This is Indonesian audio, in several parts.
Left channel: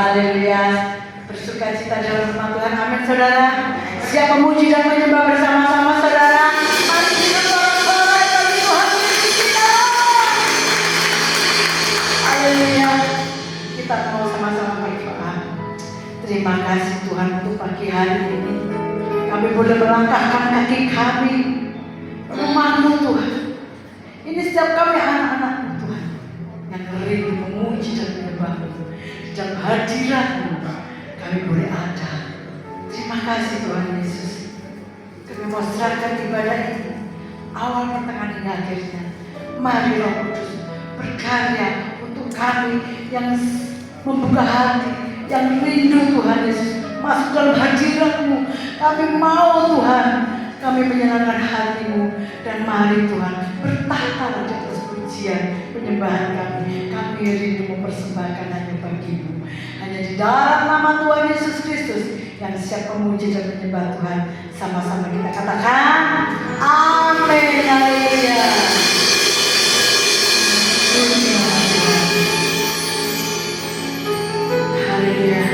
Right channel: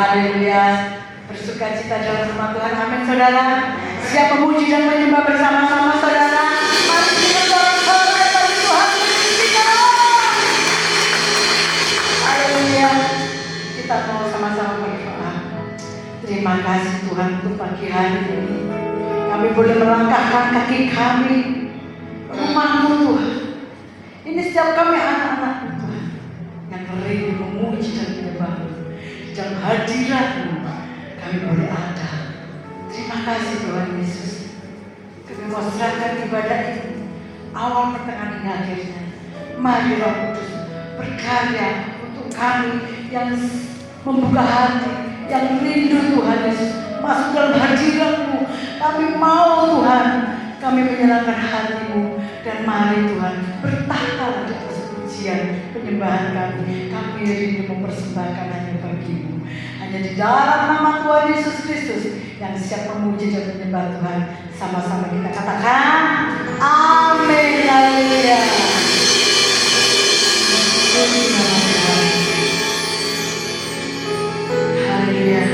Haleluya. Bersuka cita dalam rumah Tuhan. Amin saudara. Siap memuji dan menyembah bersama-sama saudara. Haleluya. Kita mau sama-sama berdoa. Terima kasih Tuhan untuk pagi hari ini. Kami boleh melangkahkan kaki kami rumah-Mu Tuhan. Ini setiap kami anak-anak-Mu Tuhan yang rindu memuji dan menyembah-Mu. Di dalam hadirat-Mu kami boleh ada. Terima kasih Tuhan Yesus. Kami mau serahkan ibadah ini awal pertengahan hingga akhirnya. Mari Roh Kudus berkarya untuk kami yang membuka hati, yang rindu Tuhan Yesus masuk dalam hadirat-Mu. Kami mau Tuhan, kami menyerahkan hati-Mu. Dan mari Tuhan bertahta di atas pujian penyembahan kami. Kami rindu mempersembahkan hanya bagi-Mu. Hanya di dalam nama Tuhan Yesus Kristus yang siap memuji dan menyembah Tuhan. Sama-sama kita katakan amin. Haleluya. Haleluya.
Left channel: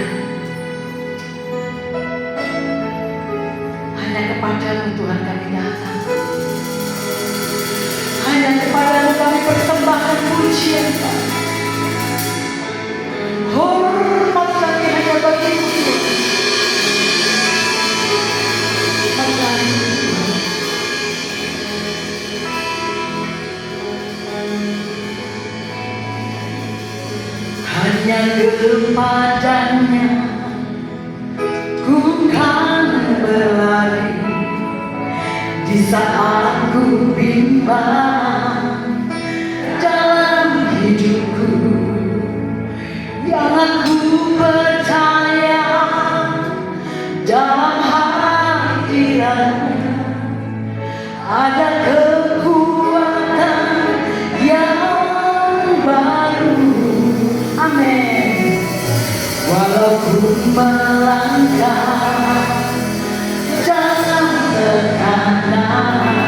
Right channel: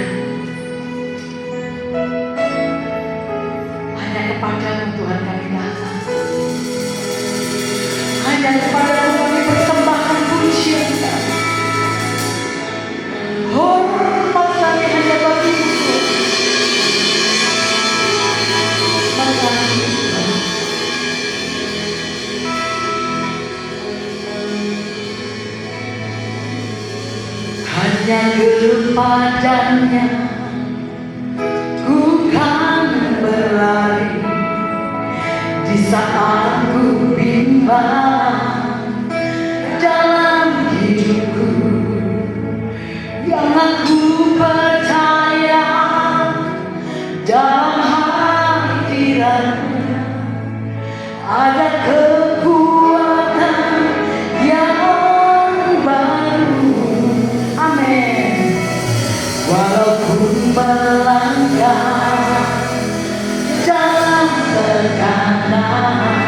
Hanya kepada-Mu Tuhan kami datang. Hanya kepada-Mu kami persembahkan pujian kami. Hormat kami hanya bagi-Mu. Hanya kepadanya ku kan berlari di saat ku bimbang dalam hidupku, yang aku percaya dalam hadirat-Nya ada kekuatan yang baru. Amin. Walaupun melangkah dalam tekanan,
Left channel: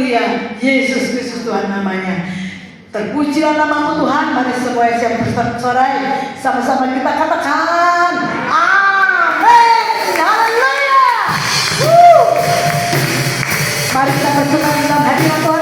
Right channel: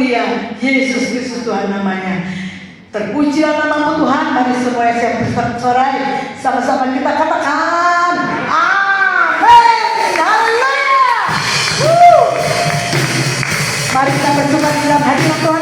mulia. Yesus Kristus Tuhan namanya. Terpujilah nama Tuhan. Mari semua yang bersorai sama-sama kita katakan amin. Haleluya. Mari kita bersorai dalam hadirat Tuhan.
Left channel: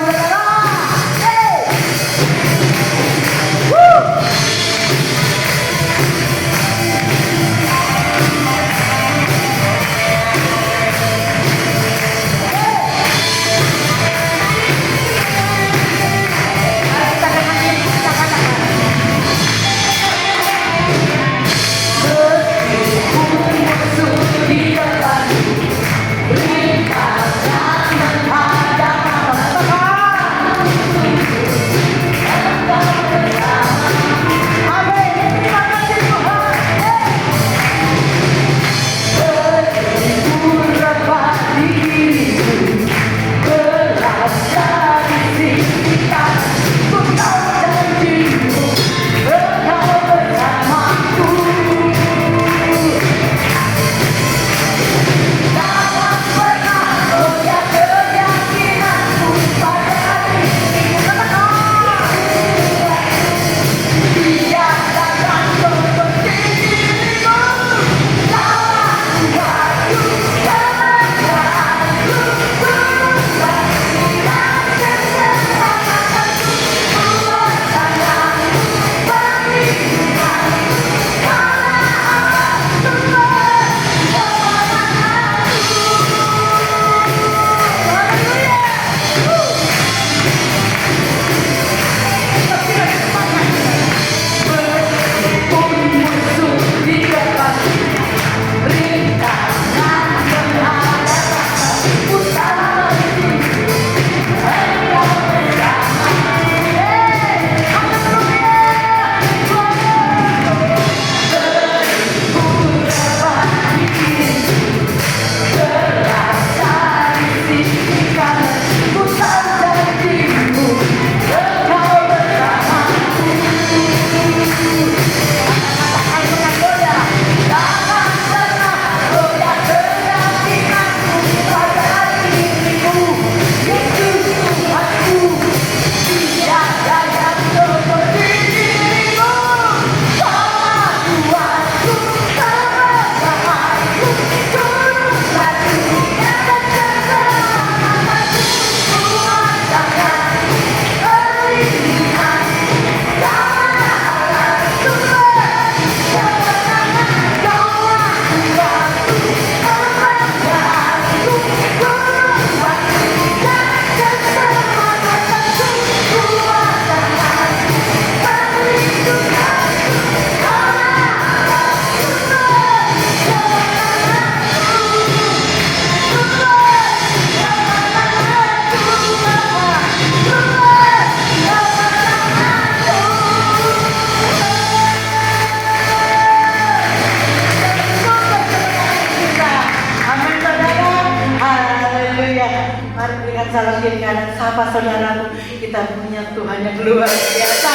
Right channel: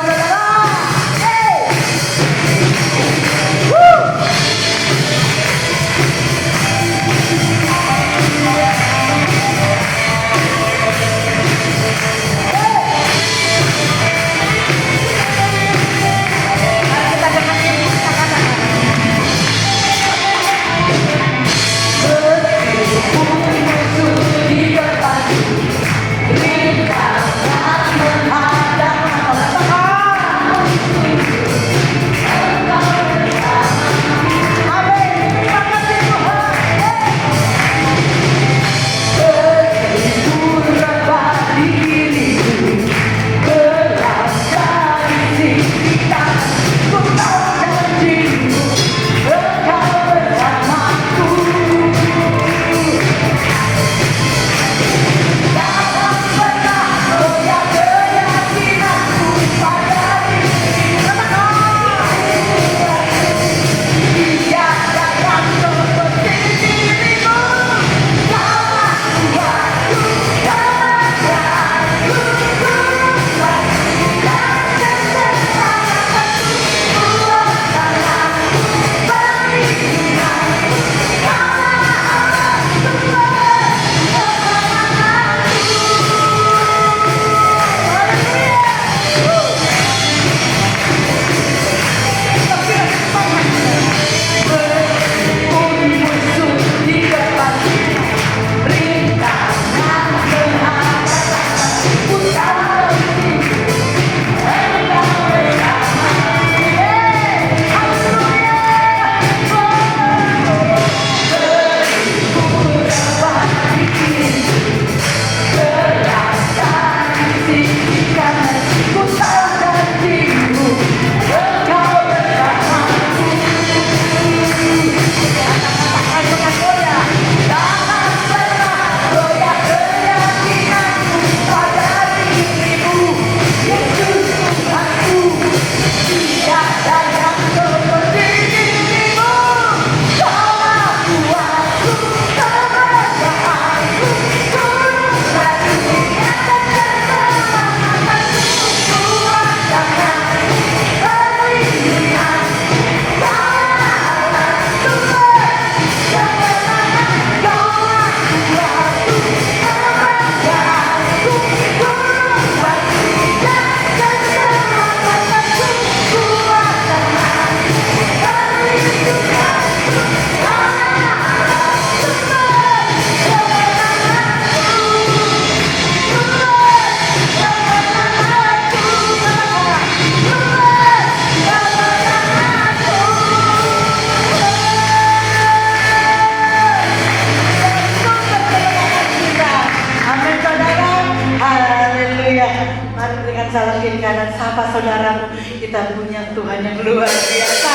Saudara, kita punya Tuhan yang luar biasa.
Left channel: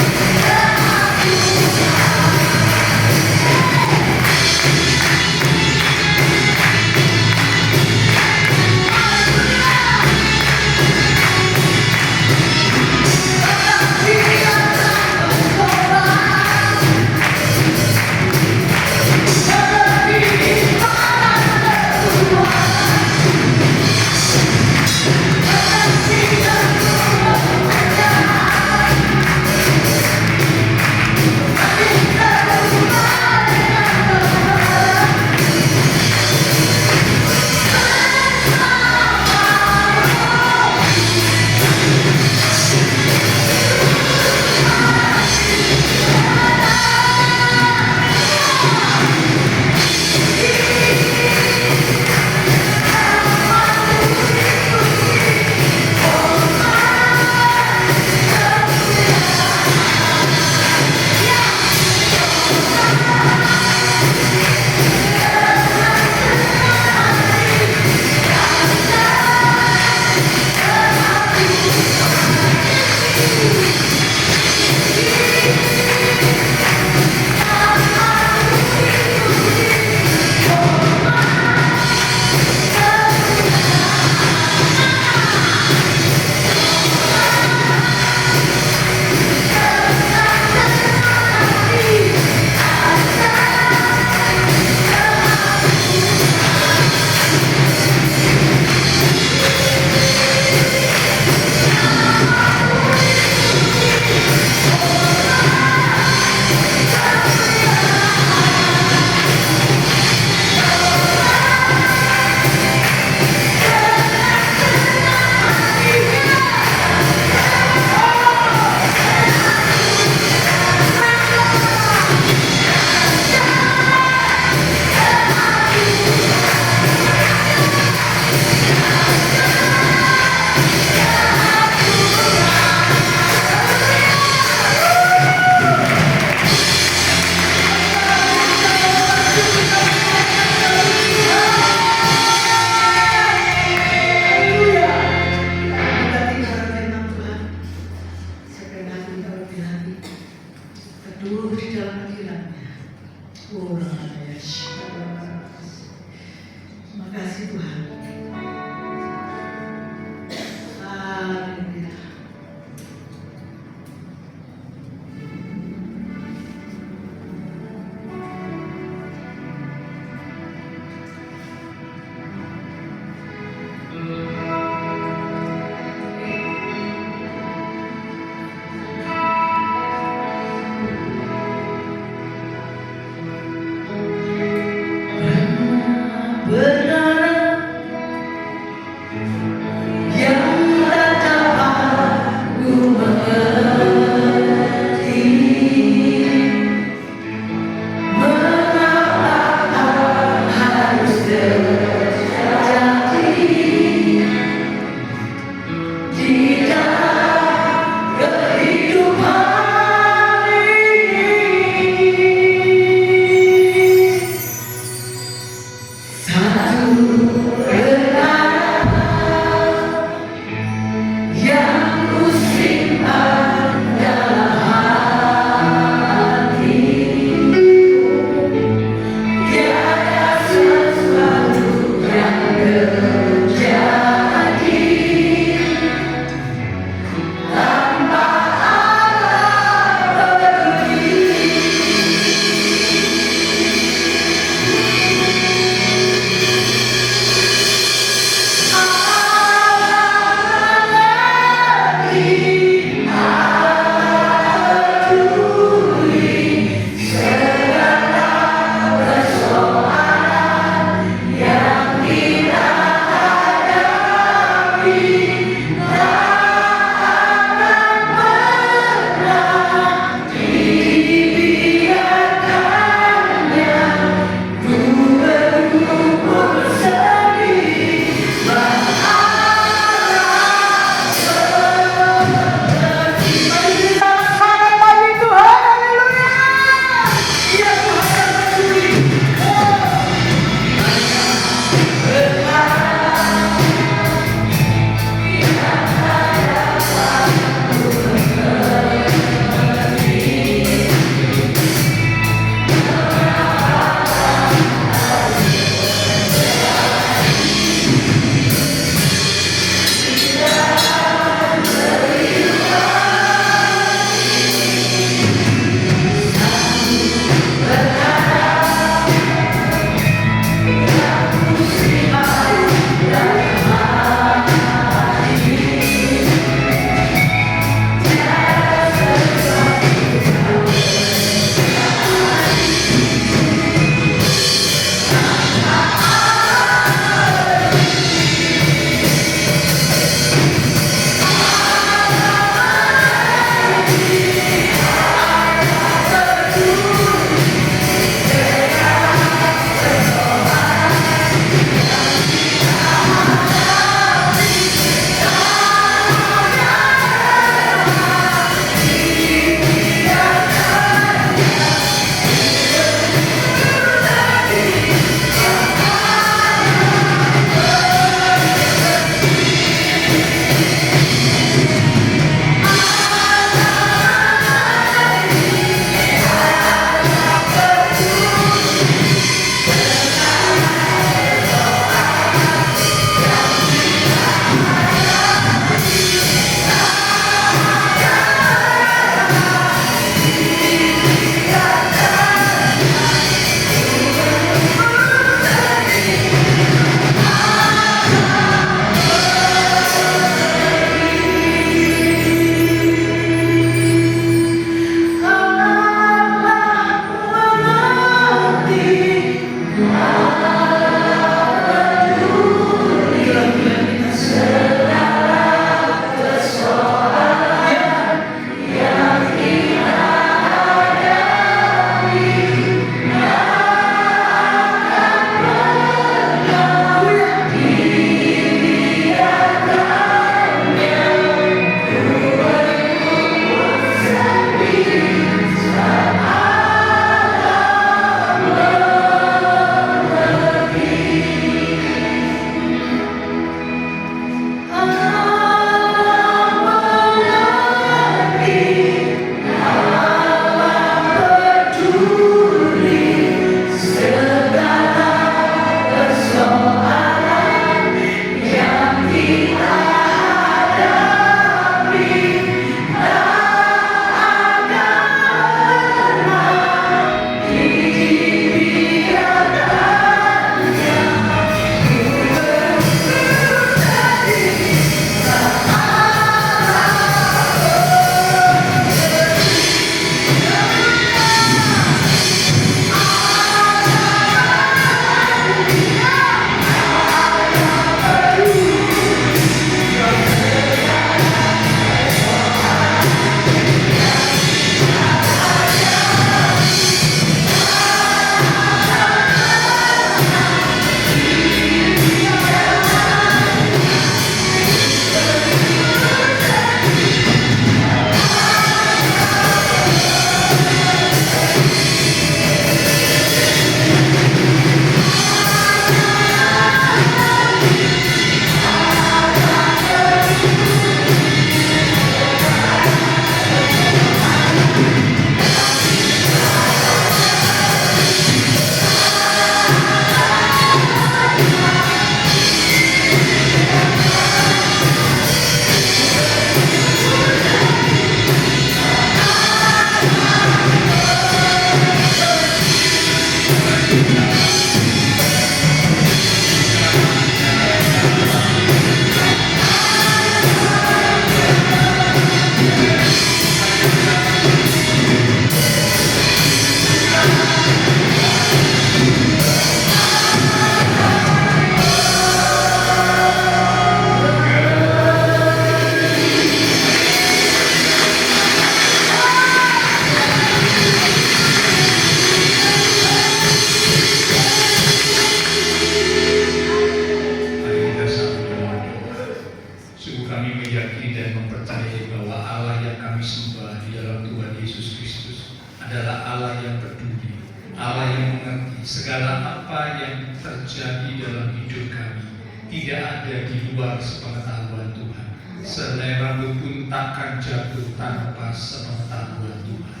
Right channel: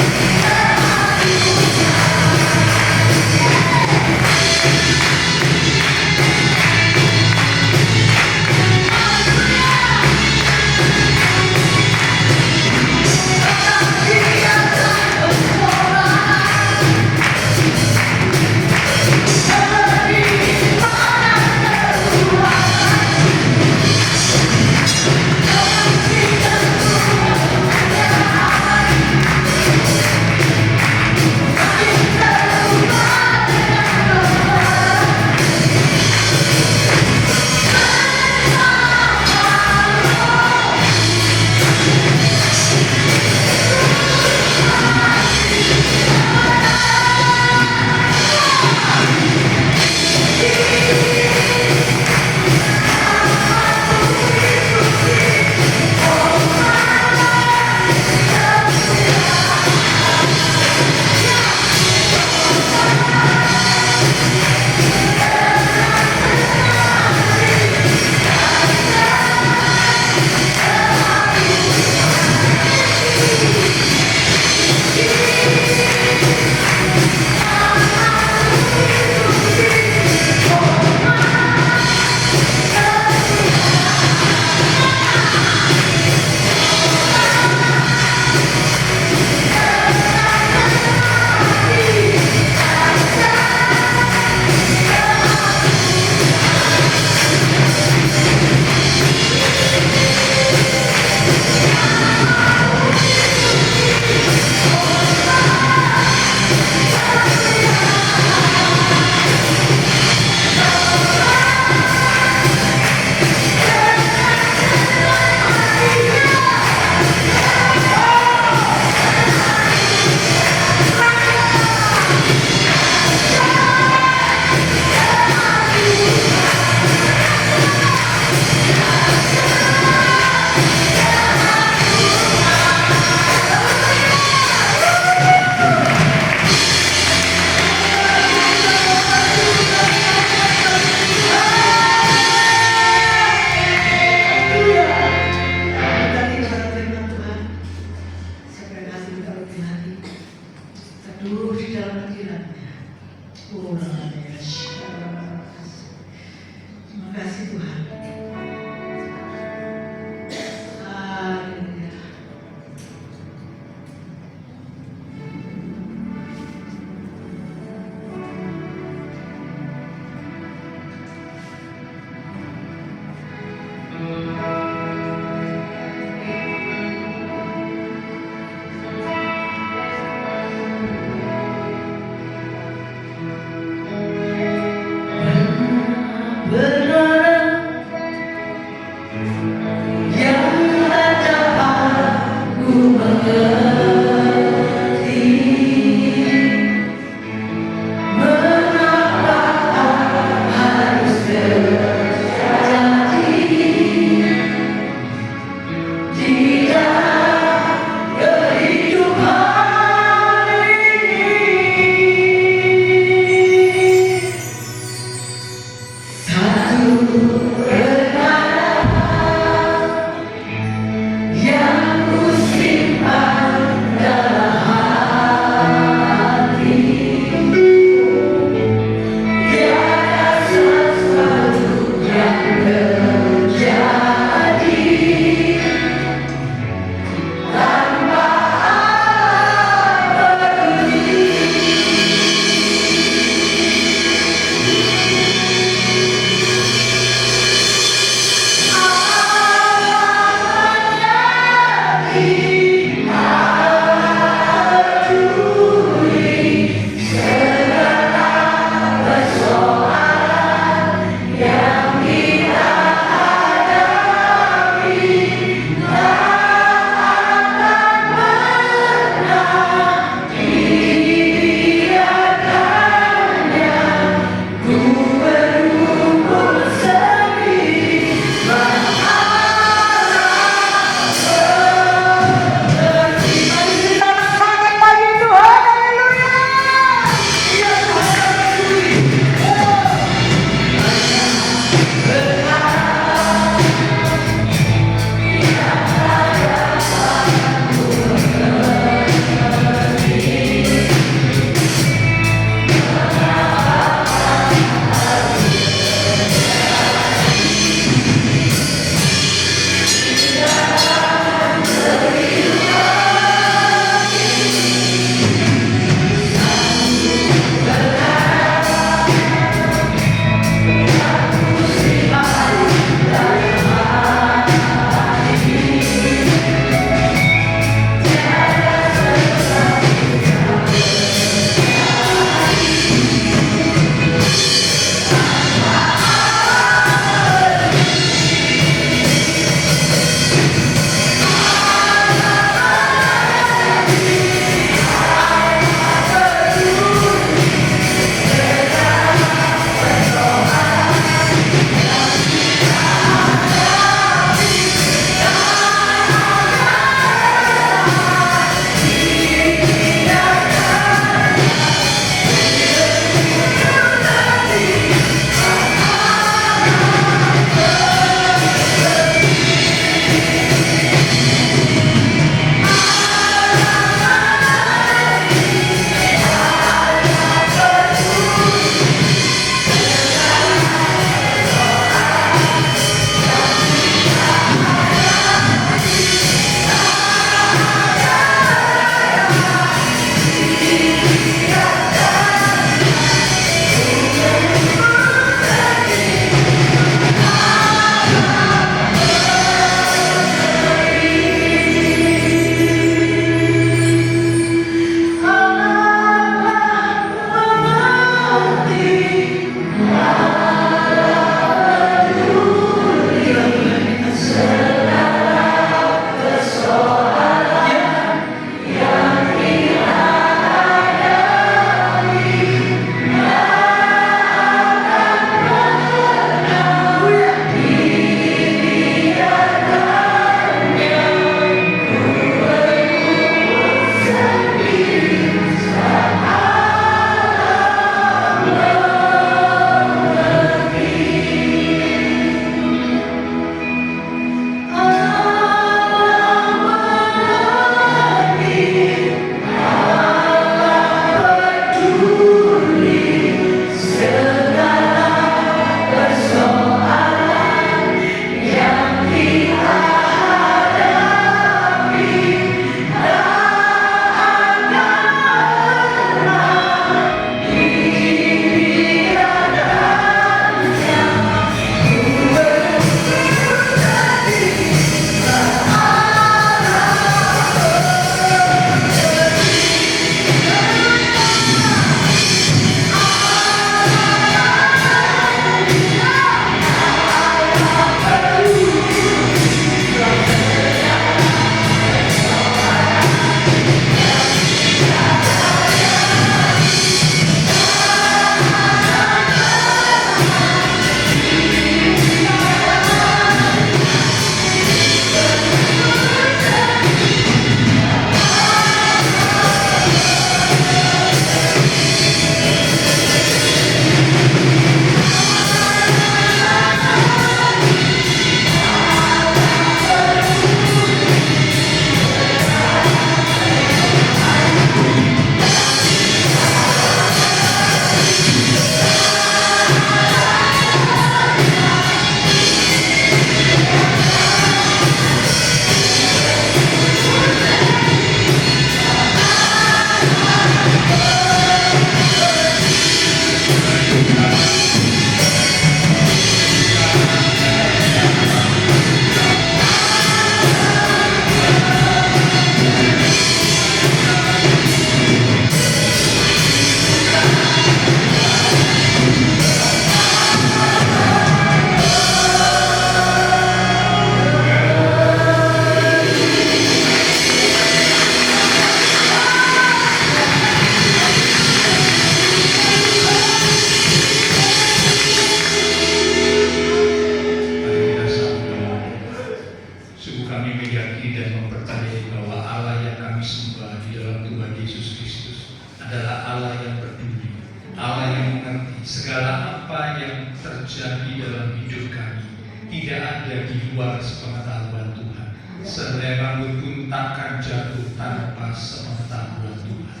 meyakini dan mempercayai bahwa Allah yang kami sembah di dalam Tuhan Yesus Kristus adalah Allah yang peduli, Allah yang mengerti segala apa yang terjadi dalam hidup kami. Tidak ada di luar sepengetahuan Tuhan. Sehelai rambut pun takkan jatuh tanpa sepengetahuan Tuhan.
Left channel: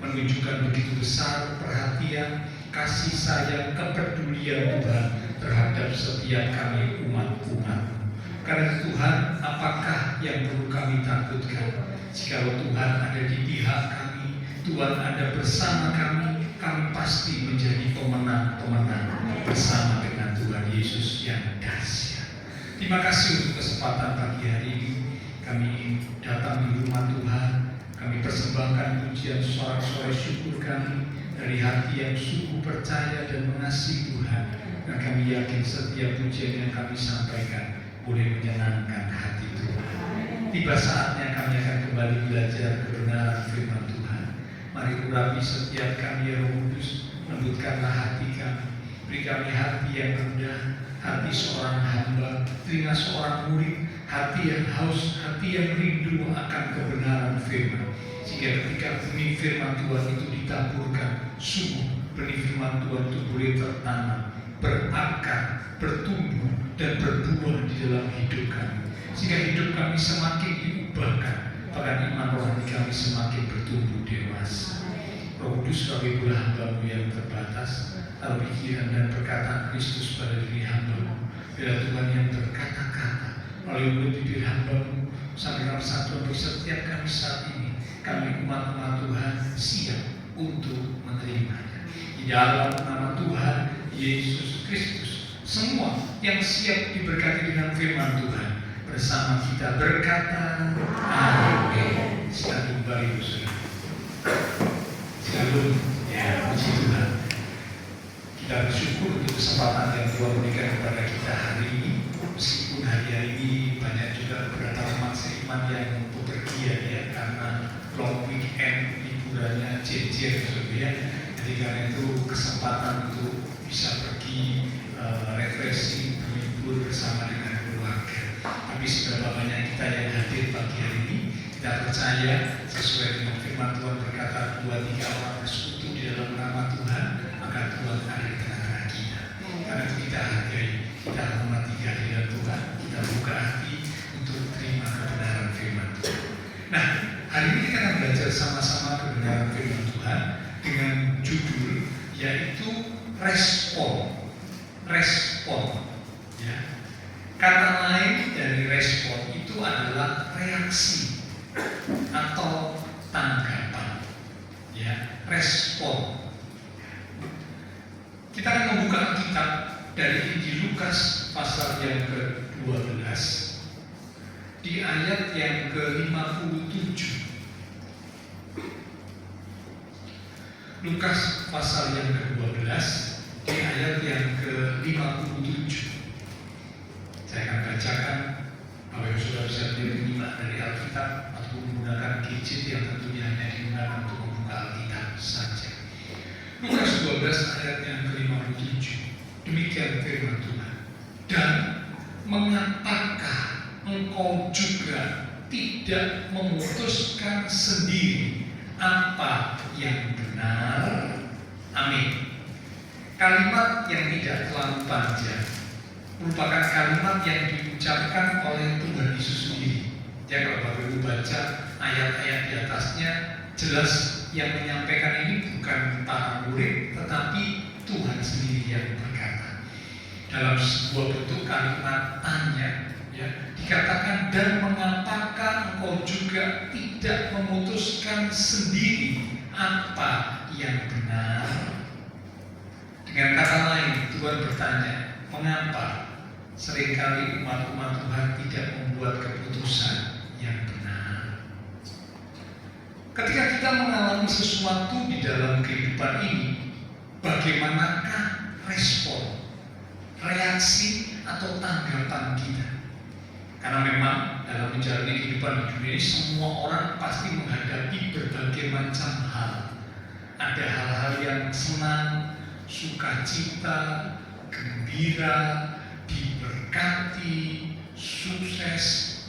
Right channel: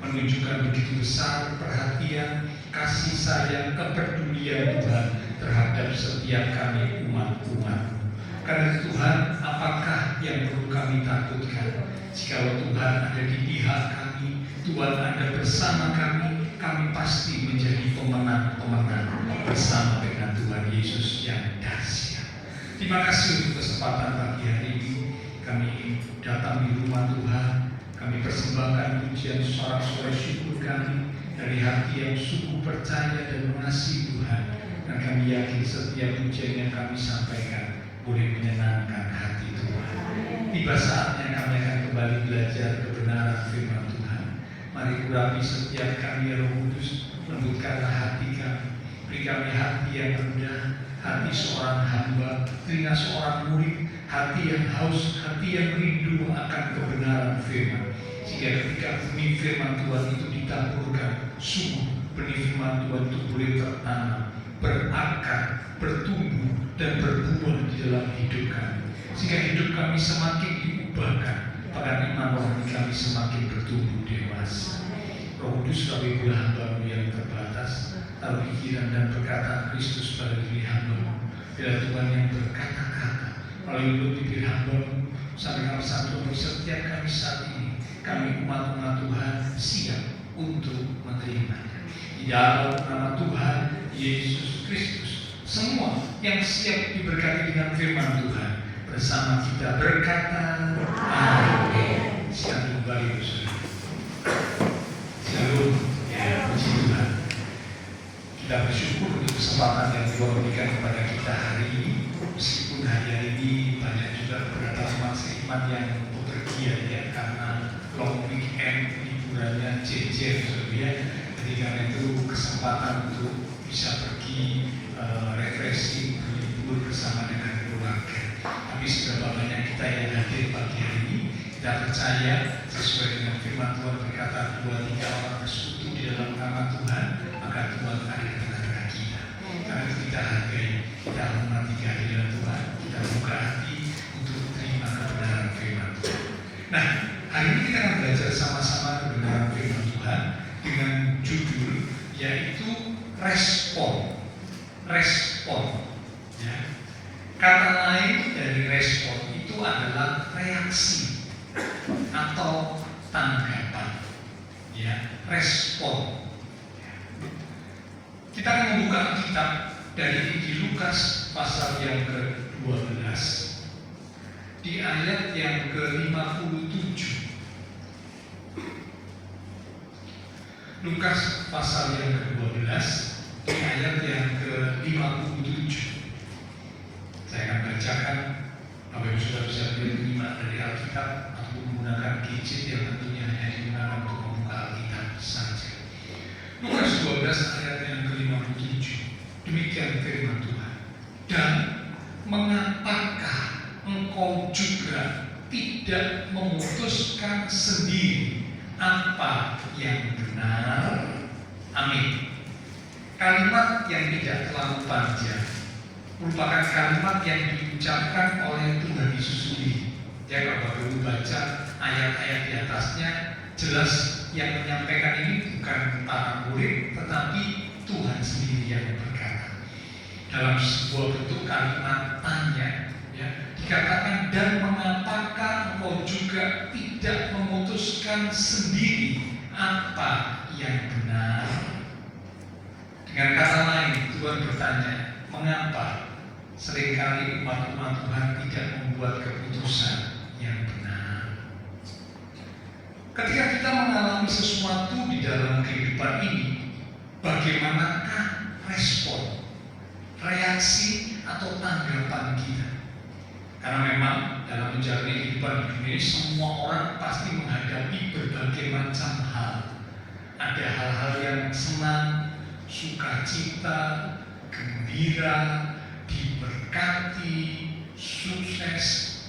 Menunjukkan begitu besar perhatian, kasih sayang, kepedulian Tuhan terhadap setiap kami umat-umat. Karena Tuhan, apakah yang perlu kami takutkan? Jika Tuhan ada di pihak kami, Tuhan ada bersama kami, kami pasti menjadi pemenang-pemenang bersama dengan Tuhan Yesus yang dahsyat. Terima kasih untuk kesempatan pagi hari ini. Kami datang di rumah Tuhan, kami persembahkan pujian sorak-sorai syukur kami dari hati yang sungguh percaya dan mengasihi Tuhan. Dan kami yakin setiap pujian yang kami sampaikan boleh menyenangkan hati Tuhan. Tiba saatnya kami akan kembali belajar kebenaran firman Tuhan. Mari urapi setiap kami Roh Kudus, lembutkanlah hati kami. Beri kami hati yang rendah, hati seorang hamba, telinga seorang murid, hati yang haus, hati yang rindu akan kebenaran firman. Sehingga ketika benih firman Tuhan itu ditaburkan, sungguh benih firman Tuhan itu boleh tertanam, berakar, bertumbuh, dan berbuah di dalam hidup kami. Sehingga hidup kami semakin diubahkan, bahkan iman rohani kami semakin bertumbuh dewasa. Roh Kudus, kami hamba-Mu yang terbatas, taruh pikiran dan perkataan Kristus pada diri hamba-Mu. Bila Tuhan yang berkata-kata melalui mulut bibir hamba-Mu, sampaikan satu untuk setiap kami saat ini. Kami umat-umat Tuhan siap untuk menerimanya. Di dalam nama Tuhan Yesus Kristus, semua yang siap diberkati dengan firman Tuhan bersama kita berkata amin. Silakan kembali saudara. Shalom, ya, puji Tuhan. Kita bersyukur untuk kesempatan yang Tuhan berikan kepada kita hari ini. Meskipun hari ini banyak juga beberapa iman yang bepergian ya, karena long weekend liburannya jejer saudara. Jadi karena itu kesempatan untuk bisa pergi refreshing, berlibur bersama dengan keluarga. Tapi seberapa banyak kita yang hadir pagi hari ini, kita percaya sesuai dengan firman Tuhan berkata 2-3 orang bersekutu di dalam nama Tuhan, maka Tuhan ada di tengah-tengah kita. Karena itu kita hargai, kita hormati kehadiran Tuhan, kita buka hati untuk terima kebenaran firman Tuhan. Nah, hari ini kita akan belajar sama-sama kebenaran firman Tuhan dengan judul yaitu respon. Ya. Kata lain dari respon itu adalah reaksi atau tanggapan. Ya, respon. Kita akan membuka kitab dari Injil Lukas pasal yang ke-12 di ayat yang ke-57. Lukas pasal yang ke-12 di ayat yang ke-57. Saya akan bacakan. Bapak Ibu Saudara bisa menyimak dari Alkitab atau menggunakan gadget yang tentunya hanya digunakan untuk membuka Alkitab saja. Lukas 12 ayat yang ke-57. Demikian firman Tuhan. Dan mengapakah engkau juga tidak memutuskan sendiri apa yang benar? Amin. Kalimat yang tidak terlalu panjang merupakan kalimat yang diucapkan oleh Tuhan Yesus sendiri. Ya, kalau Bapak Ibu baca ayat-ayat di atasnya, jelas yang menyampaikan ini bukan para murid, tetapi Tuhan sendiri yang berkata. Dalam sebuah bentuk kalimat tanya, ya, dikatakan dan mengapakah engkau juga tidak memutuskan sendiri apa yang benar? Dengan kata lain, Tuhan bertanya, mengapa seringkali umat-umat Tuhan tidak membuat keputusan yang benar? Ketika kita mengalami sesuatu di dalam kehidupan ini, bagaimanakah respon, reaksi atau tanggapan kita? Karena memang dalam menjalani kehidupan di dunia ini, semua orang pasti menghadapi berbagai macam hal. Ada hal-hal yang senang, sukacita, gembira, diberkati, sukses,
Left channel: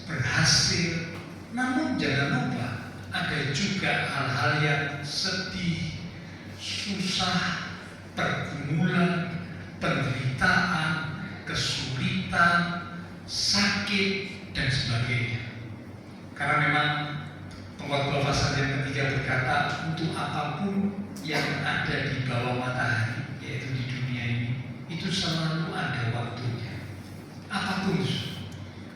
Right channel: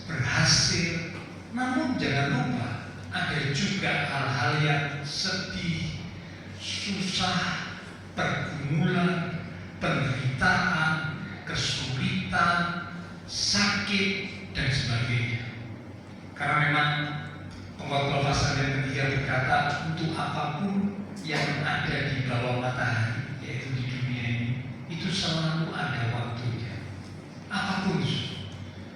berhasil, Namun jangan lupa ada juga hal-hal yang sedih, susah, pergumulan, penderitaan, kesulitan, sakit, dan sebagainya. Karena memang pengkhotbah pasal yang ketiga berkata, untuk apapun yang ada di bawah matahari, yaitu di dunia ini, itu selalu ada waktunya. Apapun,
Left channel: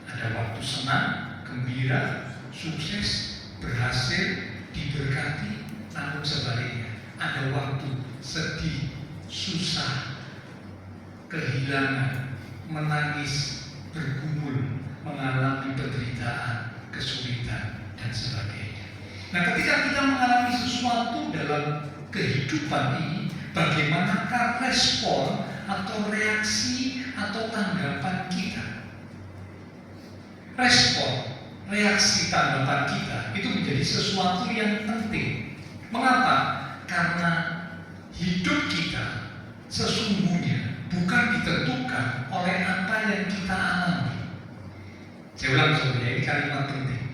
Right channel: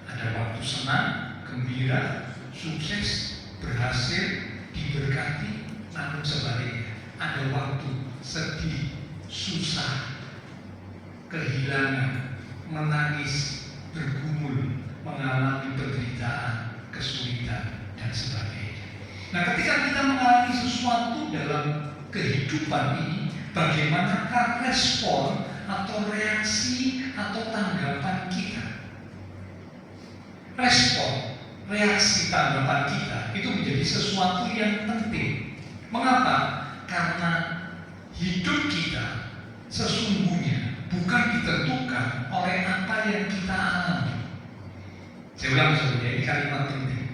ada waktu senang, gembira, sukses, berhasil, diberkati, namun sebaliknya ada waktu sedih, susah, kehilangan, menangis, bergumul, mengalami penderitaan, kesulitan, dan sebagainya. Nah, ketika kita mengalami sesuatu dalam kehidupan ini, bagaimanakah respon atau reaksi atau tanggapan kita? Respon, reaksi, tanggapan kita itu menjadi sesuatu yang penting. Mengapa? Karena hidup kita sesungguhnya bukan ditentukan oleh apa yang kita alami. Saya ulang saudara, ini kalimat penting.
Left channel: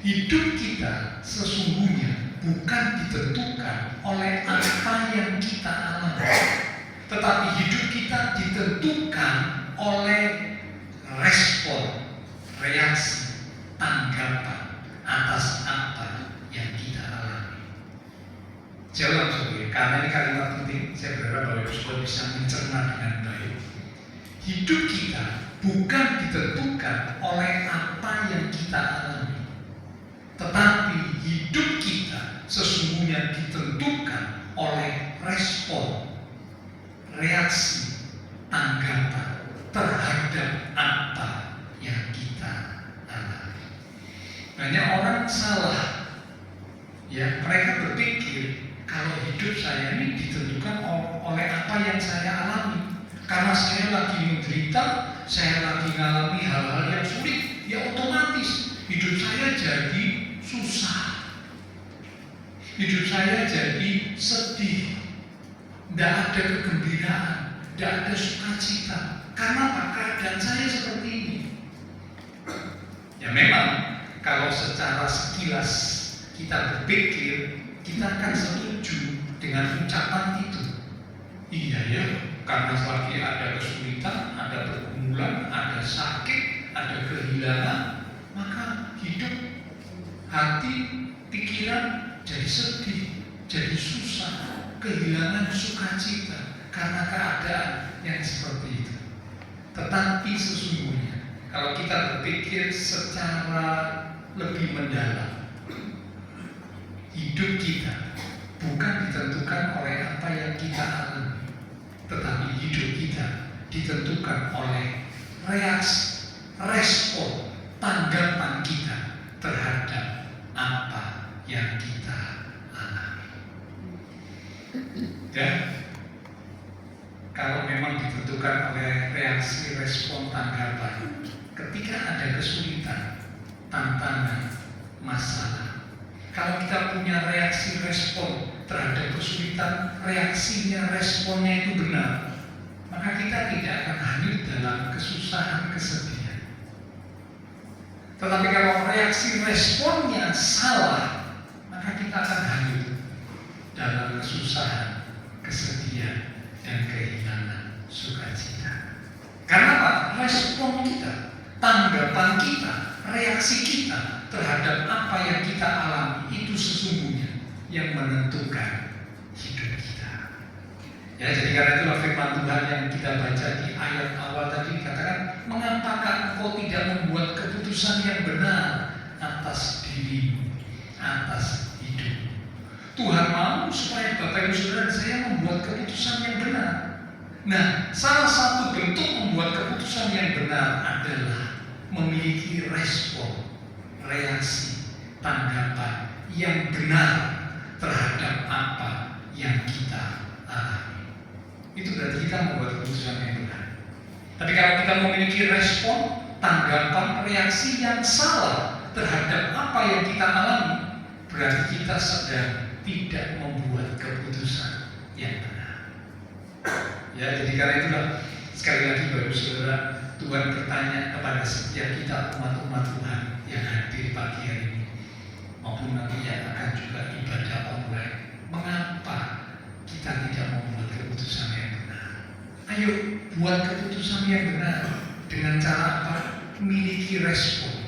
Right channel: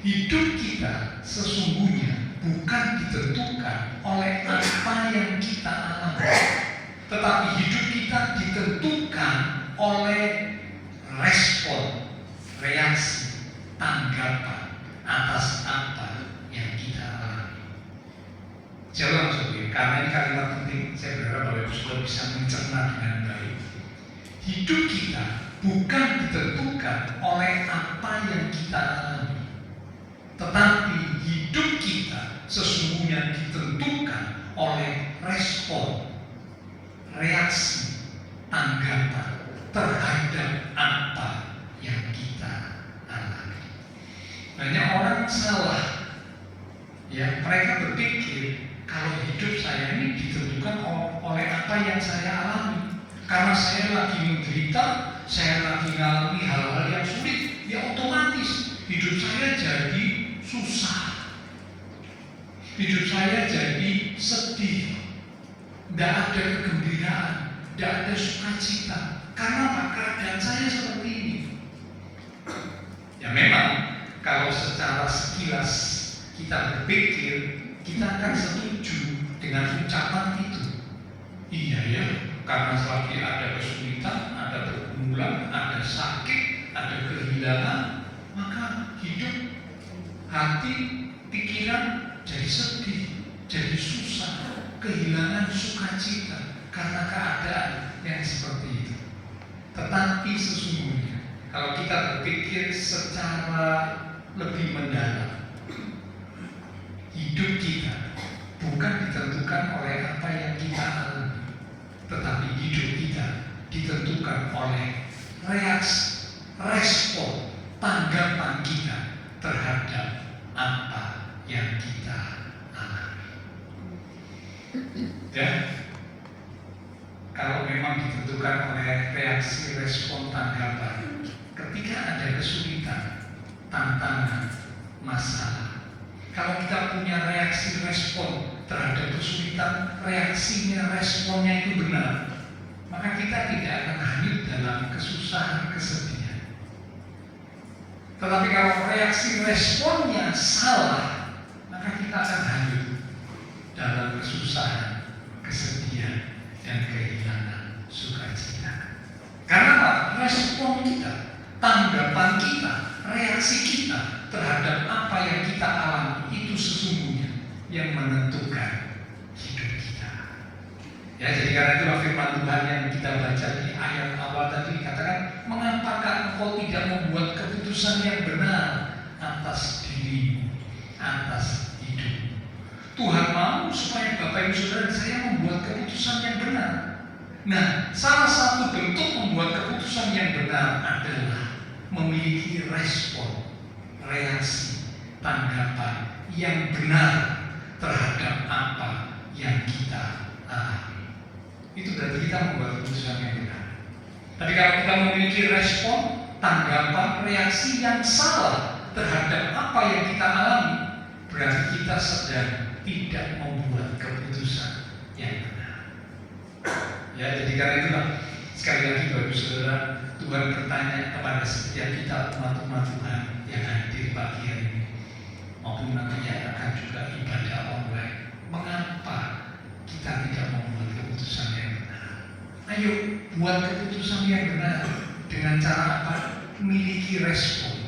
Hidup kita sesungguhnya bukan ditentukan oleh apa yang kita alami, tetapi hidup kita ditentukan oleh respon, reaksi, tanggapan atas apa yang kita alami. Saya ulang saudara, karena ini kalimat penting, saya berharap Bapak Ibu bisa mencerna dengan baik. Hidup kita bukan ditentukan oleh apa yang kita alami, tetapi hidup kita sesungguhnya ditentukan oleh respon, reaksi, tanggapan terhadap apa yang kita alami. Banyak orang salah, ya, mereka berpikir kalau hidup saya ini ditentukan oleh apa yang saya alami. Karena saya lagi menderita, saya lagi mengalami hal-hal yang sulit, ya otomatis hidup saya jadi susah, hidup saya jadi sedih, tidak ada kegembiraan, tidak ada sukacita. Karena apa? Keadaan saya seperti ini. Ya memang kalau secara sekilas kita berpikir, kita akan setuju dengan ucapan itu. Iya ya, karena lagi ada kesulitan, ada pergumulan, ada sakit, ada kehilangan, maka hidup, hati, pikiran jadi sedih, jadi susah, kehilangan sukacita karena keadaan yang seperti itu. Tetapi sesungguhnya kalau kita berpikir secara lebih mendalam, hidup kita bukan ditentukan oleh apa yang kita alami, tetapi hidup kita ditentukan oleh reaksi, respon, tanggapan kita terhadap apa yang kita alami. Dan kalau memang ditentukan oleh reaksi, respon, tanggapan, ketika ada kesulitan, tantangan, masalah, kalau kita punya reaksi, respon terhadap kesulitan, reaksinya, responnya itu benar, maka kita tidak akan hanyut dalam kesusahan, kesedihan. Tetapi kalau reaksi, responnya salah, maka kita akan hanyut dalam kesusahan, kesedihan, dan kehilangan sukacita. Karena apa? Respon kita, tanggapan kita, reaksi kita terhadap apa yang kita alami itu sesungguhnya yang menentukan hidup kita. Ya, jadi karena itulah firman Tuhan yang kita baca di ayat awal tadi katakan, mengapakah engkau tidak membuat keputusan yang benar atas dirimu, atas hidup. Tuhan mau supaya Bapak Ibu Saudara saya membuat keputusan yang benar. Nah, salah satu bentuk membuat keputusan yang benar adalah memiliki respon, reaksi, tanggapan yang benar terhadap apa yang kita alami. Itu berarti kita membuat keputusan yang benar. Tapi kalau kita memiliki respon, tanggapan, reaksi yang salah terhadap apa yang kita alami, berarti kita sedang tidak membuat keputusan yang benar. Ya, jadi karena itulah sekali lagi Bapak Saudara, Tuhan bertanya kepada setiap kita umat-umat Tuhan yang hadir pagi hari ini, buat keputusan yang benar. Dengan cara apa? Miliki respon,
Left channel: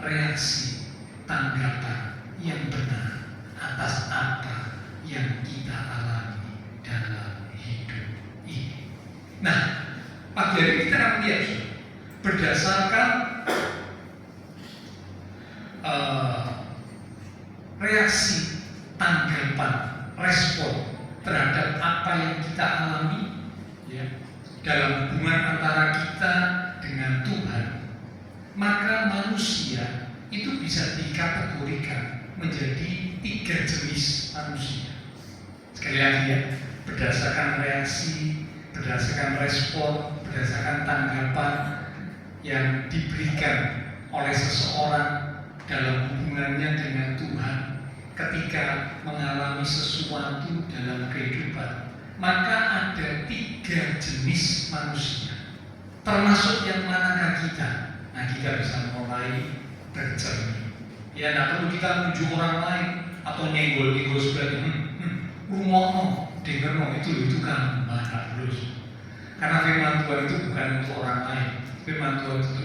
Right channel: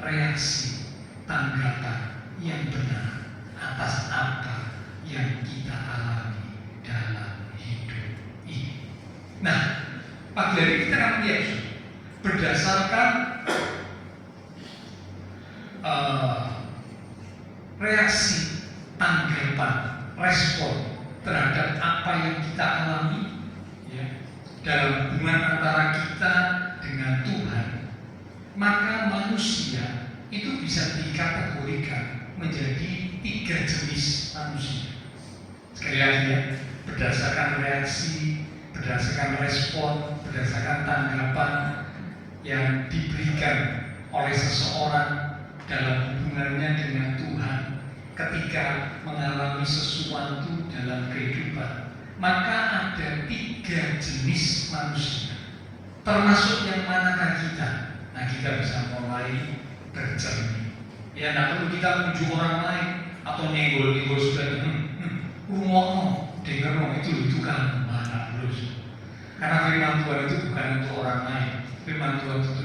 reaksi, tanggapan yang benar atas apa yang kita alami dalam hidup ini. Nah, pagi hari kita akan lihat berdasarkan reaksi, tanggapan, respon terhadap apa yang kita alami, ya, dalam hubungan antara kita dengan Tuhan, maka manusia itu bisa dikategorikan menjadi 3 jenis manusia. Sekali lagi ya, berdasarkan reaksi, berdasarkan respon, berdasarkan tanggapan yang diberikan oleh seseorang dalam hubungannya dengan Tuhan ketika mengalami sesuatu dalam kehidupan, maka ada 3 jenis manusia. Termasuk yang manakah kita? Nah, kita bisa mulai bercermin. Ya, nah perlu kita muncul orang lain atau nyenggol-nyenggol sebagai rumono, dengerno itu kan mana terus. Karena firman Tuhan itu bukan untuk orang lain, firman Tuhan itu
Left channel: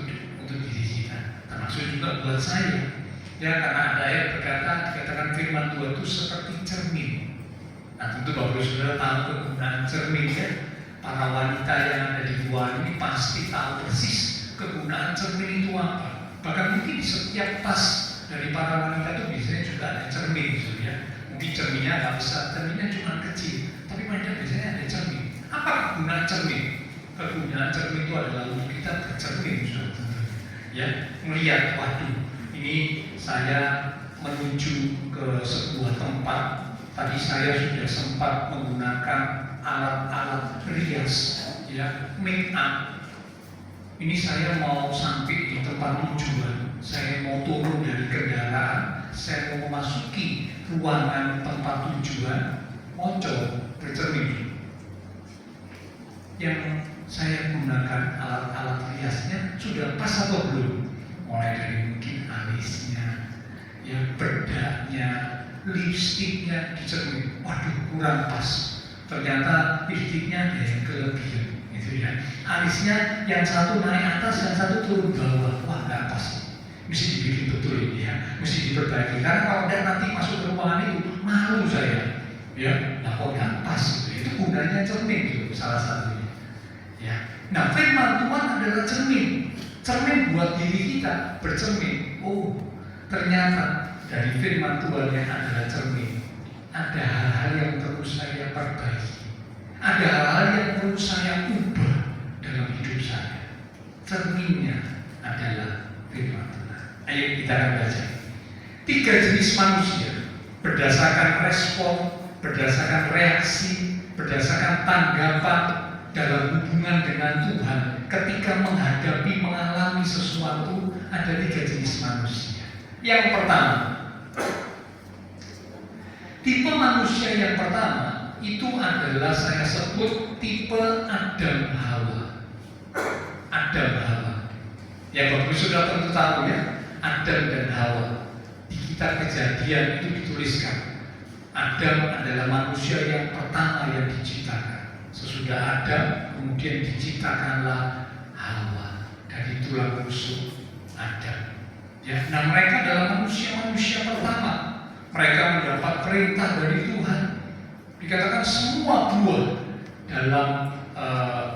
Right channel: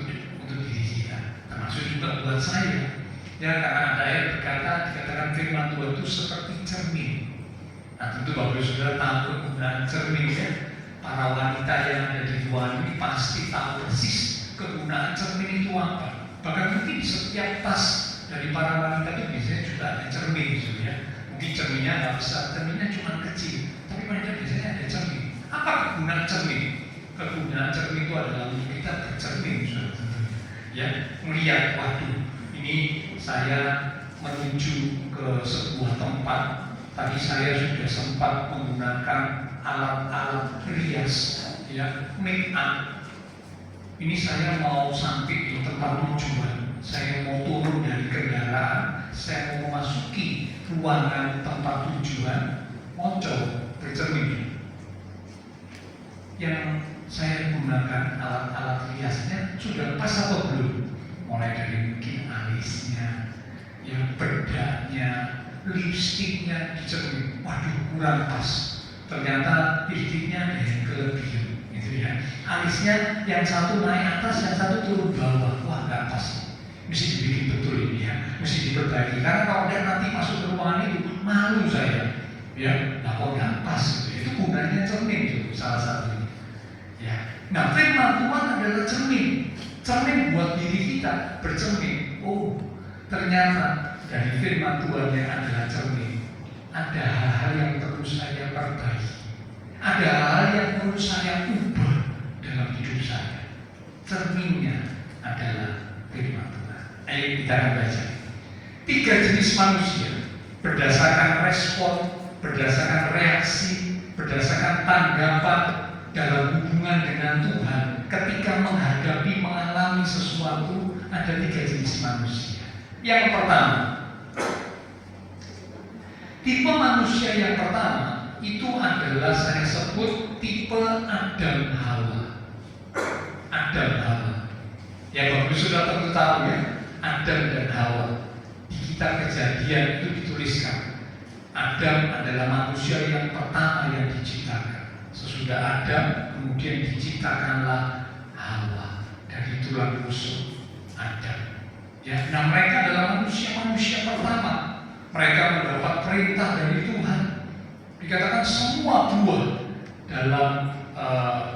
untuk diri kita. Termasuk juga buat saya. Ya, karena ada ayat dikatakan firman Tuhan itu seperti cermin. Nah, tentu Bapak Saudara tahu kegunaan cermin ya. Para wanita yang ada di luar ini pasti tahu persis kegunaan cermin itu apa. Bahkan mungkin di setiap tas dari para wanita itu biasanya juga ada cermin gitu ya. Mungkin cerminnya nggak besar, cerminnya cuma kecil, tapi mereka biasanya ada cermin. Apa kegunaan cermin? Kegunaan cermin itu adalah untuk kita bercermin, ya, melihat, waduh, ini saya menuju ke sebuah tempat. Tadi saya sudah sempat menggunakan alat-alat rias, ya, make up. Ini saya mau sampai di tempat tujuan, saya mau turun dari kendaraan, saya mau memasuki ruangan tempat tujuan, moco bercermin. Yang saya gunakan alat-alat riasnya sudah pas atau belum? Mulai dari mungkin alisnya, ya, bedaknya, lipstiknya dicermin. Waduh, kurang pas. Ternyata lipstiknya ada yang kelebihan, gitu ya. Alisnya yang satu naik atas, yang satu turun bawah. Wah, nggak pas. Mesti dibikin betul ini ya, mesti diperbaiki. Karena kalau dia nanti masuk ke ruangan itu, malu saya. Ya, nah kok nggak pas gitu. Itu gunanya cermin itu salah satunya. Ya, nah firman Tuhan adalah cermin. Cermin buat diri kita bercermin. Oh, ternyata dari firman Tuhan yang adalah cermin, ada hal-hal yang perlu saya perbaiki, ada hal-hal yang perlu saya ubah dalam hidup saya. Cerminnya adalah firman Tuhan. Ayo kita akan baca 3 jenis manusia berdasarkan respon, berdasarkan reaksi, berdasarkan tanggapan dalam hubungan dengan Tuhan ketika mengalami sesuatu. Ada 3 jenis manusia. Yang pertama, tipe manusia yang pertama itu adalah saya sebut tipe Adam Hawa. Adam Hawa. Ya, Bapak sudah tentu tahu ya, Adam dan Hawa. Di kitab Kejadian itu dituliskan, Adam adalah manusia yang pertama yang diciptakan. Sesudah Adam, kemudian diciptakanlah Hawa dari tulang rusuk Adam. Ya, nah mereka adalah manusia-manusia pertama. Mereka mendapat perintah dari Tuhan. Dikatakan semua buah dalam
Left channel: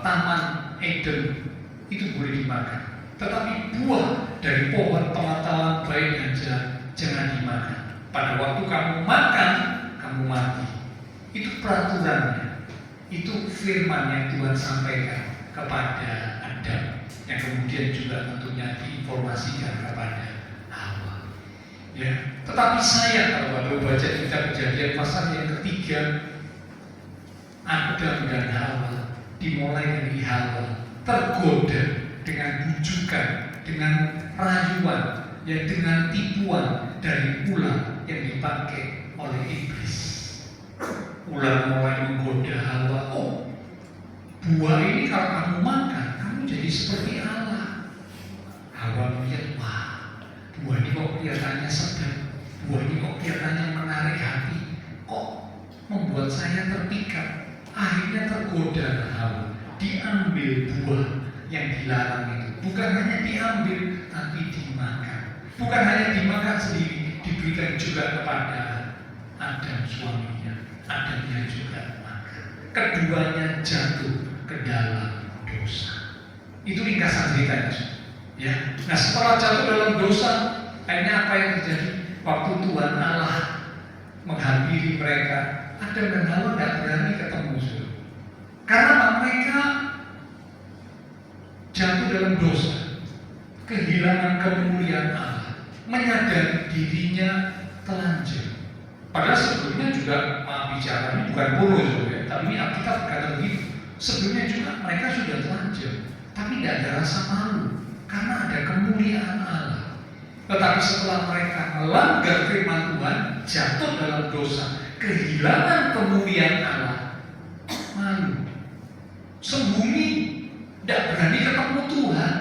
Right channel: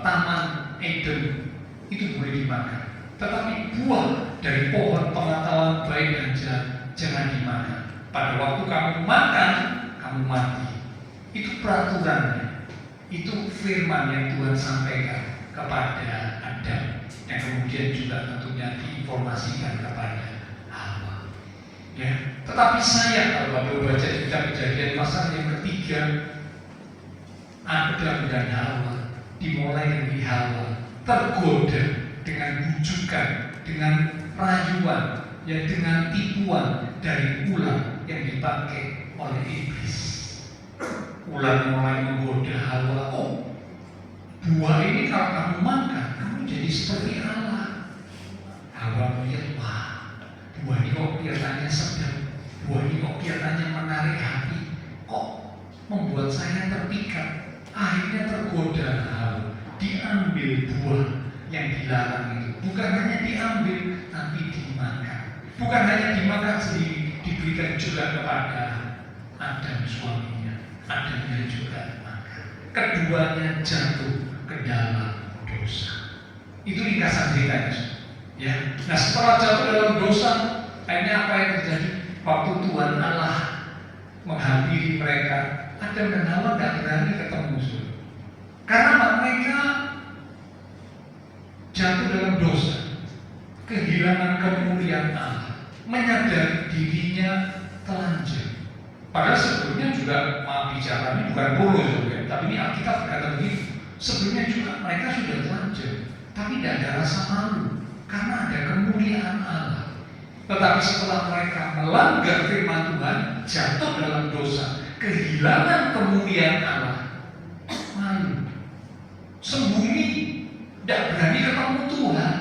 Taman Eden itu boleh dimakan, tetapi buah dari pohon pengetahuan baik dan jahat jangan dimakan. Pada waktu kamu makan, kamu mati. Itu peraturannya. Itu firman yang Tuhan sampaikan kepada Adam, yang kemudian juga tentunya diinformasikan kepada Hawa. Ya, tetapi saya kalau Bapak baca kitab Kejadian pasal yang ketiga, Adam dan Hawa dimulai dari Hawa tergoda dengan bujukan, dengan rayuan, ya, dengan tipuan dari ular yang dipakai oleh iblis. Ular mulai menggoda Hawa, oh, buah ini kalau kamu makan, kamu jadi seperti Allah. Hawa melihat, wah, buah ini kok kelihatannya sedap, buah ini kok kelihatannya menarik hati, kok membuat saya terpikat. Akhirnya tergoda Hawa, diambil buah yang dilarang itu. Bukan hanya diambil, tapi dimakan. Bukan hanya dimakan sendiri, diberikan juga kepada Adam suaminya. Adamnya juga makan. Keduanya jatuh ke dalam dosa. Itu ringkasan ceritanya. Ya. Nah, setelah jatuh dalam dosa, akhirnya apa yang terjadi? Waktu Tuhan Allah menghampiri mereka, Adam dan Hawa tidak berani ketemu. Karena mereka jatuh dalam dosa, kehilangan kemuliaan Allah, menyadari dirinya telanjang. Padahal sebelumnya juga, maaf bicara ini bukan bolos ya, tapi ini Alkitab berkata begitu. Sebelumnya juga mereka sudah telanjang, tapi tidak ada rasa malu karena ada kemuliaan Allah. Tetapi setelah mereka melanggar firman Tuhan, jatuh dalam dosa, kehilangan kemuliaan Allah, malu, sembunyi, tidak berani ketemu Tuhan.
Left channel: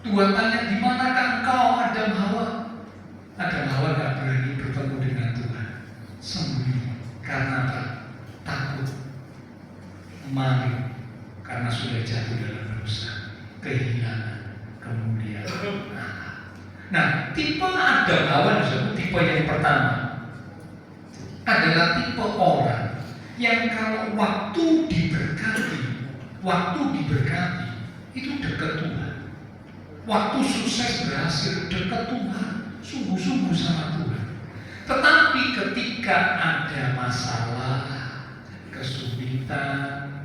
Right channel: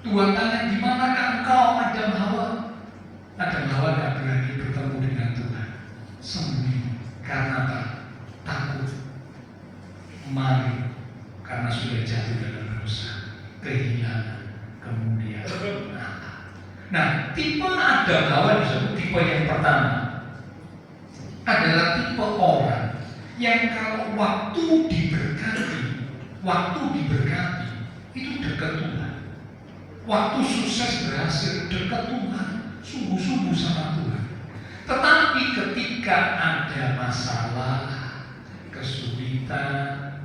Tuhan tanya, di manakah engkau Adam Hawa? Adam Hawa tidak berani bertemu dengan Tuhan, sembunyi. Karena apa? Takut, malu, karena sudah jatuh dalam dosa, kehilangan kemuliaan Allah. Nah, tipe Adam Hawa disebut tipe yang pertama adalah tipe orang yang kalau waktu diberkati itu dekat Tuhan. Waktu sukses berhasil dekat Tuhan, sungguh-sungguh sama Tuhan. Tetapi ketika ada masalah, kesulitan,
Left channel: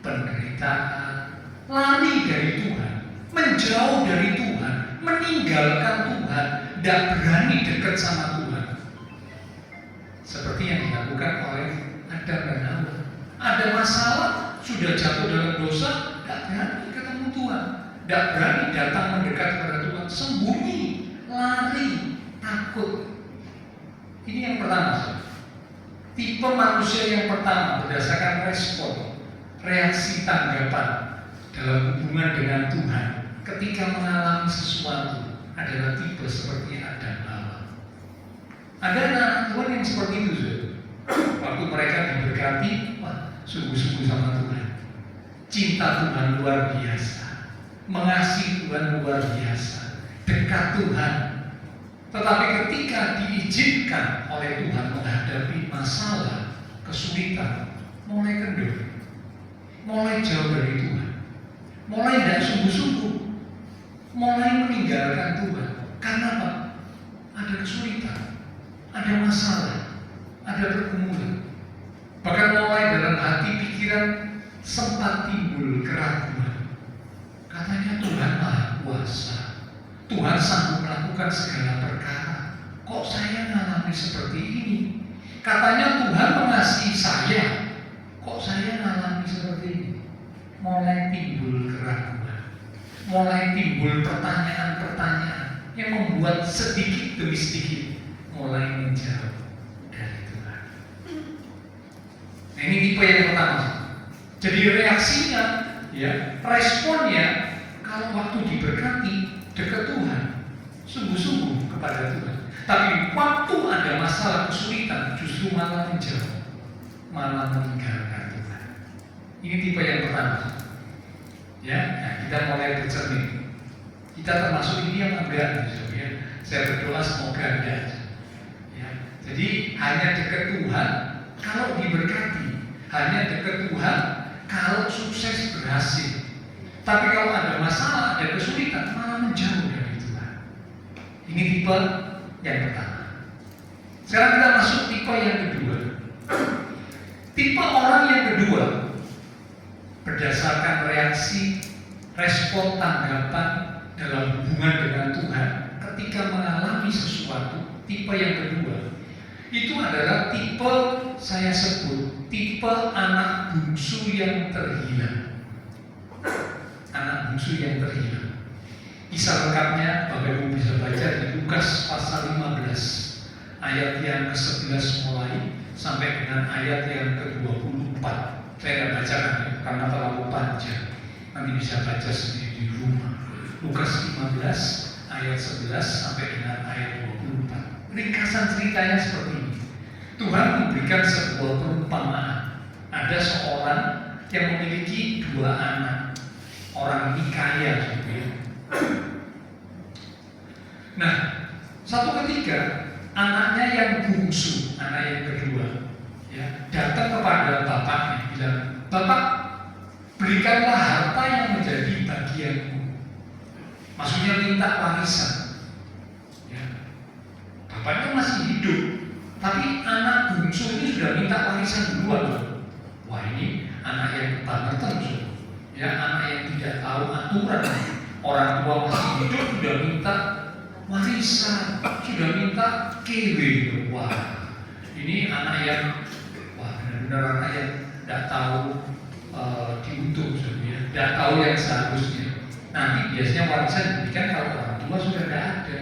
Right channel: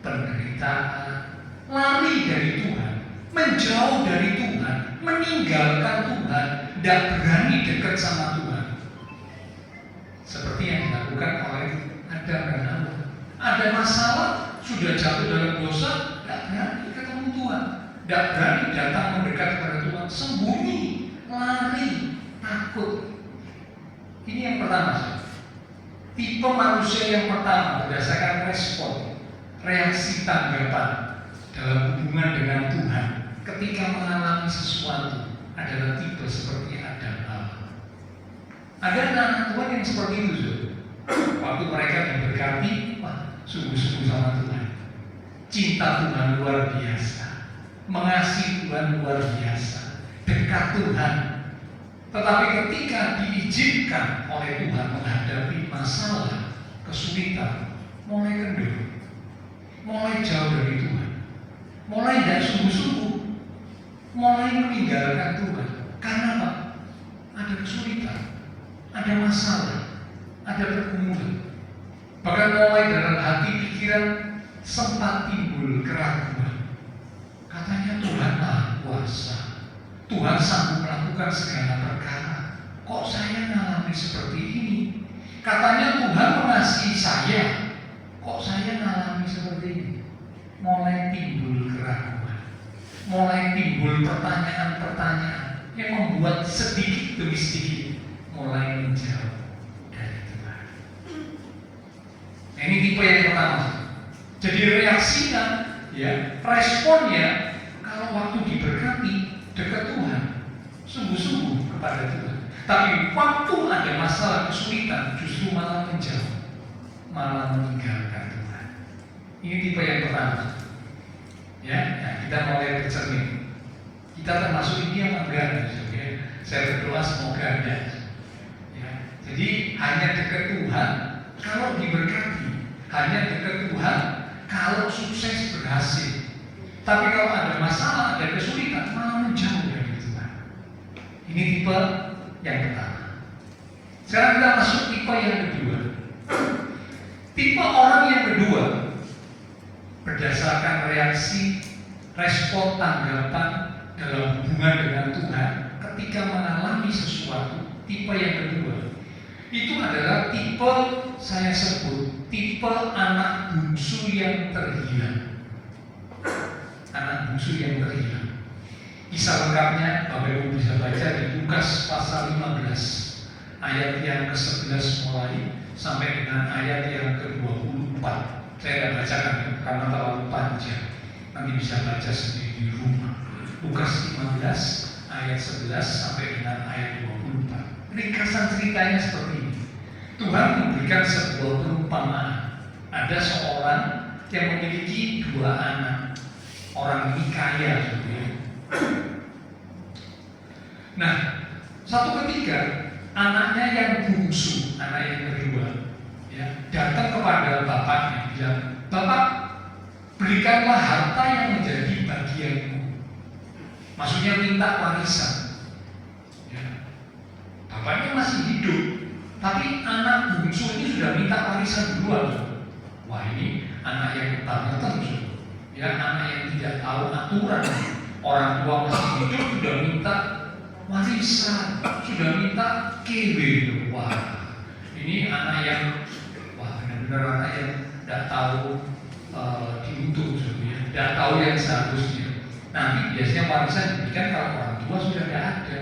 penderitaan, lari dari Tuhan, menjauh dari Tuhan, meninggalkan Tuhan, tidak berani dekat sama Tuhan. Seperti yang dilakukan oleh Adam dan Hawa. Ada masalah, sudah jatuh dalam dosa, tidak berani ketemu Tuhan, tidak berani datang mendekat kepada Tuhan, sembunyi, lari, takut. Ini yang pertama. Tipe manusia yang pertama berdasarkan respon, reaksi tanggapan dalam hubungan dengan Tuhan ketika mengalami sesuatu adalah tipe seperti Adam Hawa. Ada anak-anak Tuhan yang seperti itu. Waktu mereka diberkati, sungguh-sungguh sama Tuhan, cinta Tuhan luar biasa, mengasihi Tuhan luar biasa, dekat Tuhan. Tetapi ketika diizinkan oleh Tuhan menghadapi masalah, kesulitan, mulai kendor, mulai jauh dari Tuhan, mulai tidak sungguh-sungguh, mulai meninggalkan Tuhan. Karena apa? Ada kesulitan, ada masalah, ada pergumulan. Bahkan mulai dalam hati pikiran sempat timbul keraguan. Katanya Tuhan Maha Kuasa, Tuhan sanggup melakukan segala perkara. Kok saya mengalami seperti ini? Katanya Tuhan mengasihi saya, kok saya mengalami seperti ini? Mulai timbul keraguan, mulai timbul pertanyaan-pertanyaan yang membuat sedikit demi sedikit mulai menjauh dari Tuhan. Nah, ini tipe yang pertama. Jadi reaksinya, ya, responnya kalau waktu diberkati dekat Tuhan, sungguh-sungguh kepada Tuhan. Tapi waktu ada masalah kesulitan, justru malah menjauh, malah meninggalkan Tuhan. Ini tipe yang pertama. Ya, nah, kita mulai bercermin. Kita termasuk ini yang enggak, ya. Saya berdoa semoga enggak. Ya, jadi hanya dekat Tuhan kalau diberkati, hanya dekat Tuhan kalau sukses berhasil. Tapi kalau ada masalah, ada kesulitan, malah menjauh dari Tuhan. Ini tipe yang pertama. Sekarang kita masuk tipe yang kedua. Tipe orang yang kedua berdasarkan reaksi, respon, tanggapan dalam hubungan dengan Tuhan ketika mengalami sesuatu. Tipe yang kedua itu adalah tipe, saya sebut tipe anak bungsu yang terhilang. Anak bungsu yang terhilang. Kisah lengkapnya Bapak Ibu bisa baca di Lukas pasal 15 ayat yang ke-11 mulai sampai dengan ayat yang ke-24. Saya akan bacakan ya, karena terlalu panjang. Nanti bisa baca sendiri di rumah. Lukas 15 ayat 11 sampai dengan ayat 24. Ringkasan ceritanya seperti ini. Tuhan memberikan sebuah perumpamaan. Ada seorang yang memiliki 2 anak. Orang ini kaya sebenarnya. Nah, satu ketika anaknya yang bungsu, anak yang kedua, ya, datang kepada bapaknya bilang, "Bapak, berikanlah harta yang menjadi bagianku." Maksudnya minta warisan. Ya. Bapaknya masih hidup, tapi anak bungsu ini sudah minta warisan duluan. Wah, ini anak yang banget terus. Ya, anak yang tidak tahu aturan. Orang tua masih hidup sudah minta warisan, sudah minta kewe. Wah, ini anak yang benar-benar anak yang tidak tahu diuntung, ya, tidak tahu yang seharusnya. Nanti biasanya warisan diberikan kalau orang tua sudah tidak ada,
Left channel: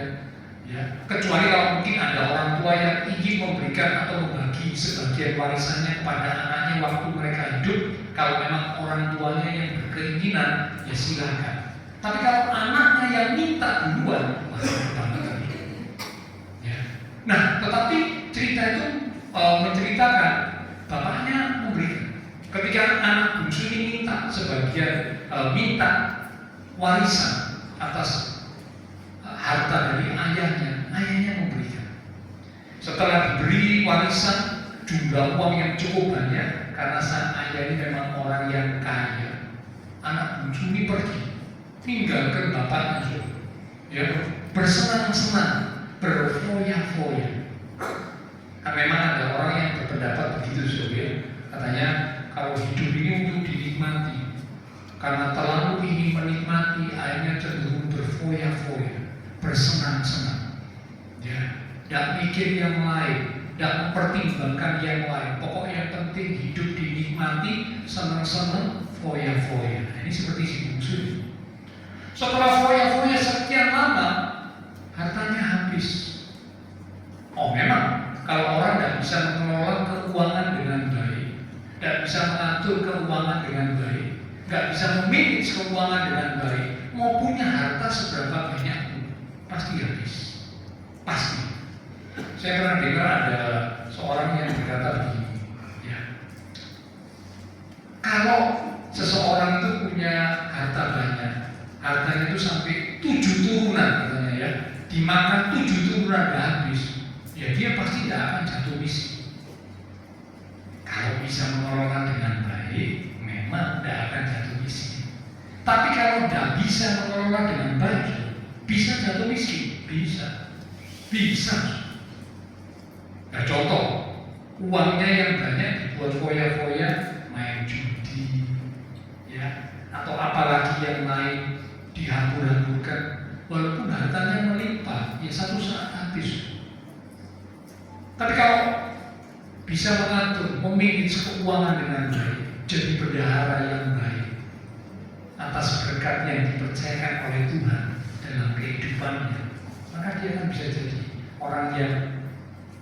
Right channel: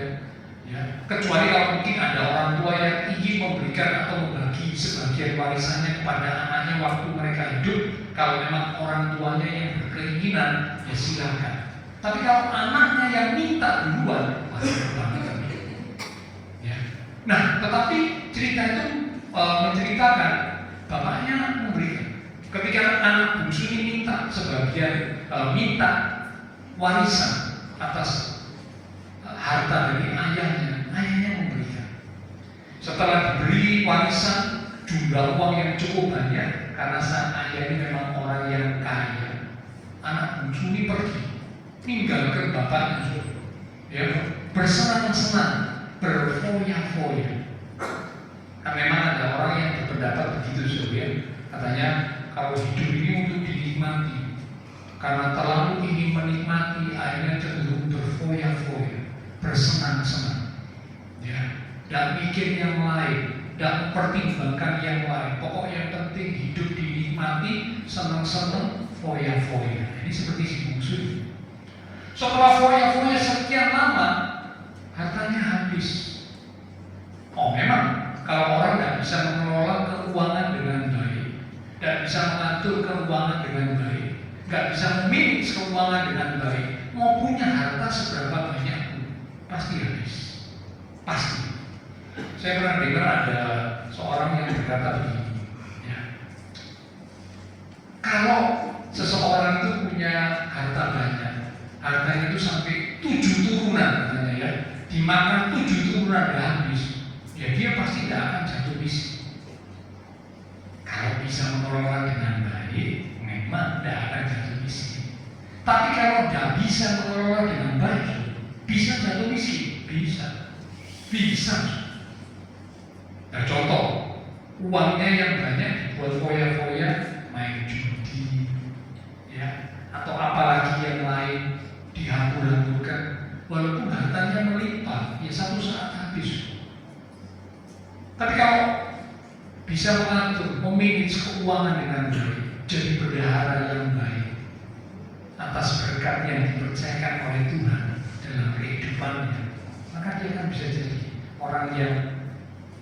ya. Kecuali kalau mungkin ada orang tua yang ingin memberikan atau membagi sebagian warisannya kepada anaknya waktu mereka hidup. Kalau memang orang tuanya yang berkeinginan, ya silakan. Tapi kalau anaknya yang minta duluan, banget. Ya. Nah, tetapi cerita itu menceritakan bapaknya memberikan. Ketika anak bungsu ini minta sebagian minta warisan atas harta dari ayahnya memberikan. Setelah diberi warisan jumlah uang yang cukup banyak, karena sang ayah ini memang orang yang kaya, anak bungsu ini pergi tinggalkan bapaknya, ya, bersenang-senang, berfoya-foya. Kan memang ada orang yang berpendapat begitu, ya. Katanya kalau hidup ini untuk dinikmati, karena terlalu ingin menikmati, akhirnya cenderung berfoya-foya, bersenang-senang, ya, tidak mikir yang lain, tidak mempertimbangkan yang lain. Pokoknya yang penting hidup dinikmati, senang-senang, foya-foya. Ini seperti si bungsu. Setelah foya-foya sekian lama, hartanya habis. Oh, memang kalau orang tidak bisa mengelola keuangan dengan baik, tidak bisa mengatur keuangan dengan baik, tidak bisa memanage keuangan dengan baik, mau punya harta seberapa banyak pun pasti habis. Pasti. Saya pernah dengar ada seorang yang berkata begini, ya, kalau seseorang itu punya harta banyak, hartanya itu sampai 7 turunan, katanya, ya, dimakan 7 turunan gak habis, ya dia pasti tidak akan jatuh miskin. Kalau bisa mengelola dengan baik, memang tidak akan jatuh miskin. Tapi kalau tidak bisa mengelola dengan baik, bisa jatuh miskin, bisa. Nah, contoh, uangnya yang banyak dibuat foya-foya, main judi, ya, atau apalagi yang lain, dihambur-hamburkan, walaupun hartanya melimpah, ya satu saat habis. Tapi kalau bisa mengatur, memanage keuangan dengan baik, jadi bendahara yang baik atas berkat yang dipercayakan oleh Tuhan dalam kehidupannya, maka dia akan bisa jadi orang yang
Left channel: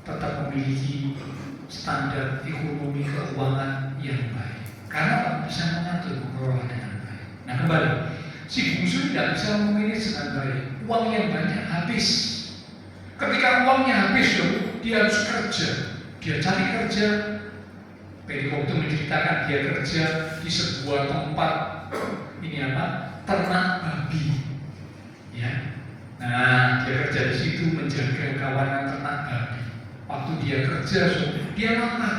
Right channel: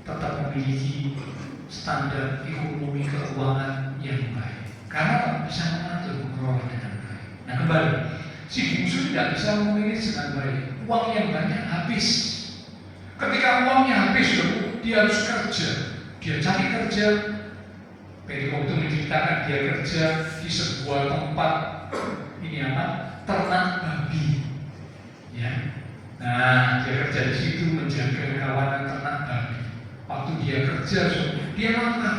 tetap memiliki standar ekonomi keuangan yang baik, karena bisa mengatur, mengelola dengan baik. Nah, kembali, si bungsu tidak bisa memanage dengan baik, uang yang banyak habis. Ketika uangnya habis, dia harus kerja, dia cari kerja. Perikop itu menceritakan dia kerja di sebuah tempat ternak babi, ya. Nah, dia kerja di situ menjaga kawanan ternak babi. Waktu dia kerja, dia makan.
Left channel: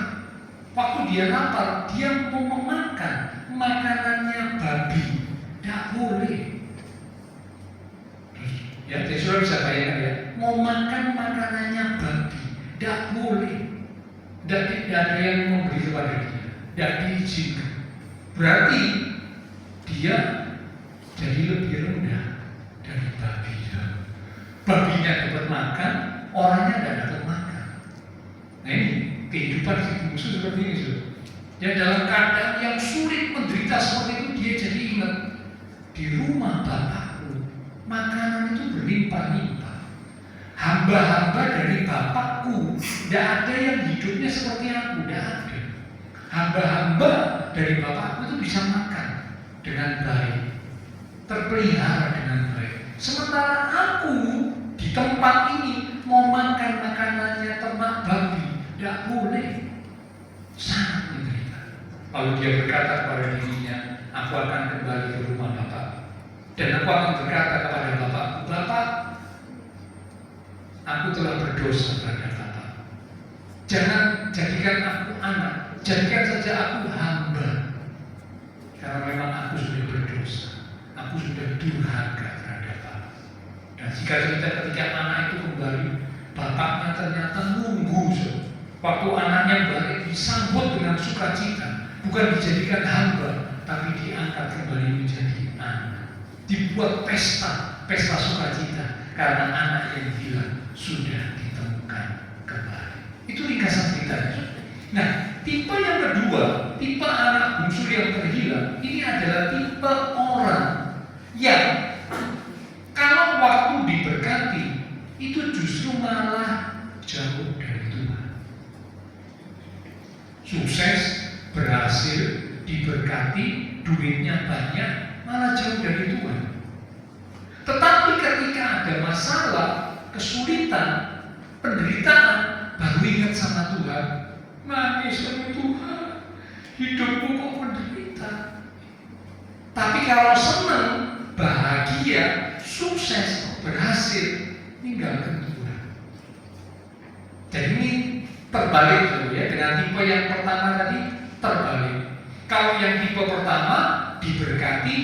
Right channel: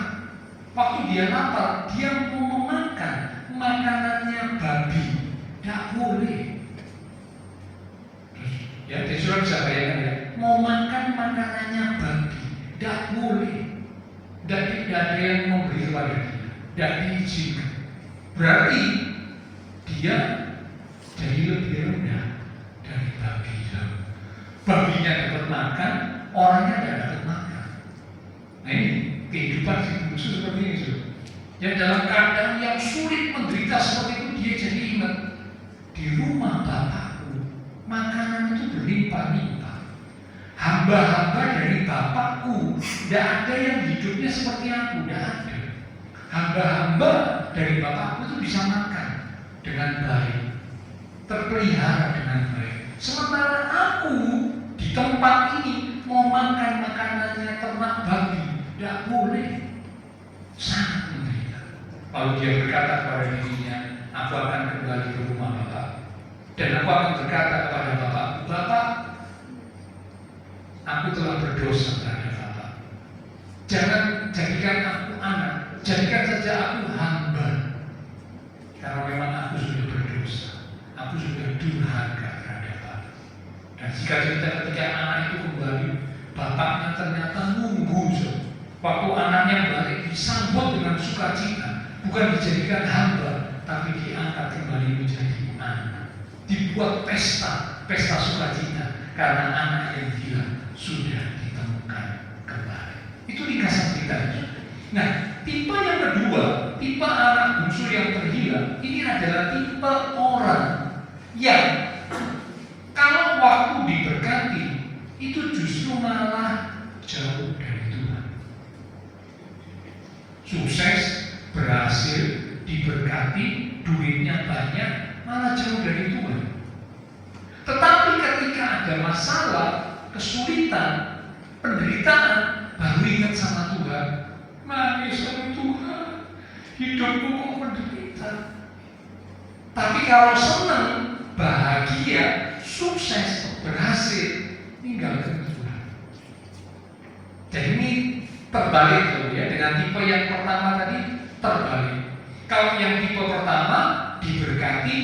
Waktu dia lapar, dia mau memakan makanannya babi, tidak boleh. Ya, jadi sudah bisa bayangkan, ya, mau makan makanannya babi, tidak boleh. Tidak ada yang memberi kepada dia, tidak diizinkan. Berarti dia jadi lebih rendah dari babi. Babinya dapat makan, orangnya tidak dapat makan. Nah, ini kehidupan si bungsu seperti ini. Ya, dalam keadaan yang sulit menderita seperti itu, dia jadi ingat, di rumah bapakku makanan itu berlimpah-limpah. Hamba-hamba dari bapakku tidak ada yang hidupnya seperti aku, tidak ada. Hamba-hamba dari bapakku itu bisa makan dengan baik, terpelihara dengan baik. Sementara aku di tempat ini mau makan makanannya ternak babi, tidak boleh. Sangat menderita. Lalu dia berkata kepada dirinya, aku akan kembali ke rumah Bapak. Dan aku akan berkata kepada Bapakku, Bapak, aku telah berdosa terhadap Bapak. Jangan jadikan aku anak, jadikan saja aku hamba. Karena memang aku sudah berdosa, aku sudah durhaka terhadap Bapak. Dan jika cerita ketika anak itu kembali, bapaknya ternyata nunggu. Waktu anaknya balik disambut dengan sukacita, bukan dijadikan hamba, tapi diangkat kembali menjadi anak. Dibuat pesta sukacita karena anak yang hilang sudah ditemukan kembali. Itu ringkasan ceritanya. Nah, tipe yang kedua, tipe anak bungsu yang terhilang, ini adalah tipe orang yang kalau waktu diberkati itu justru malah jauh dari Tuhan. Sukses, berhasil, diberkati, duitnya banyak, malah jauh dari Tuhan. Tetapi ketika ada masalah, kesulitan, penderitaan, baru ingat sama Tuhan. Nangis sama Tuhan, hidupku kok menderita. Tapi kalau senang, bahagia, sukses, berhasil, tinggalkan Tuhan. Jadi ini terbalik loh ya, dengan tipe yang pertama tadi terbalik. Kalau yang tipe pertama diberkati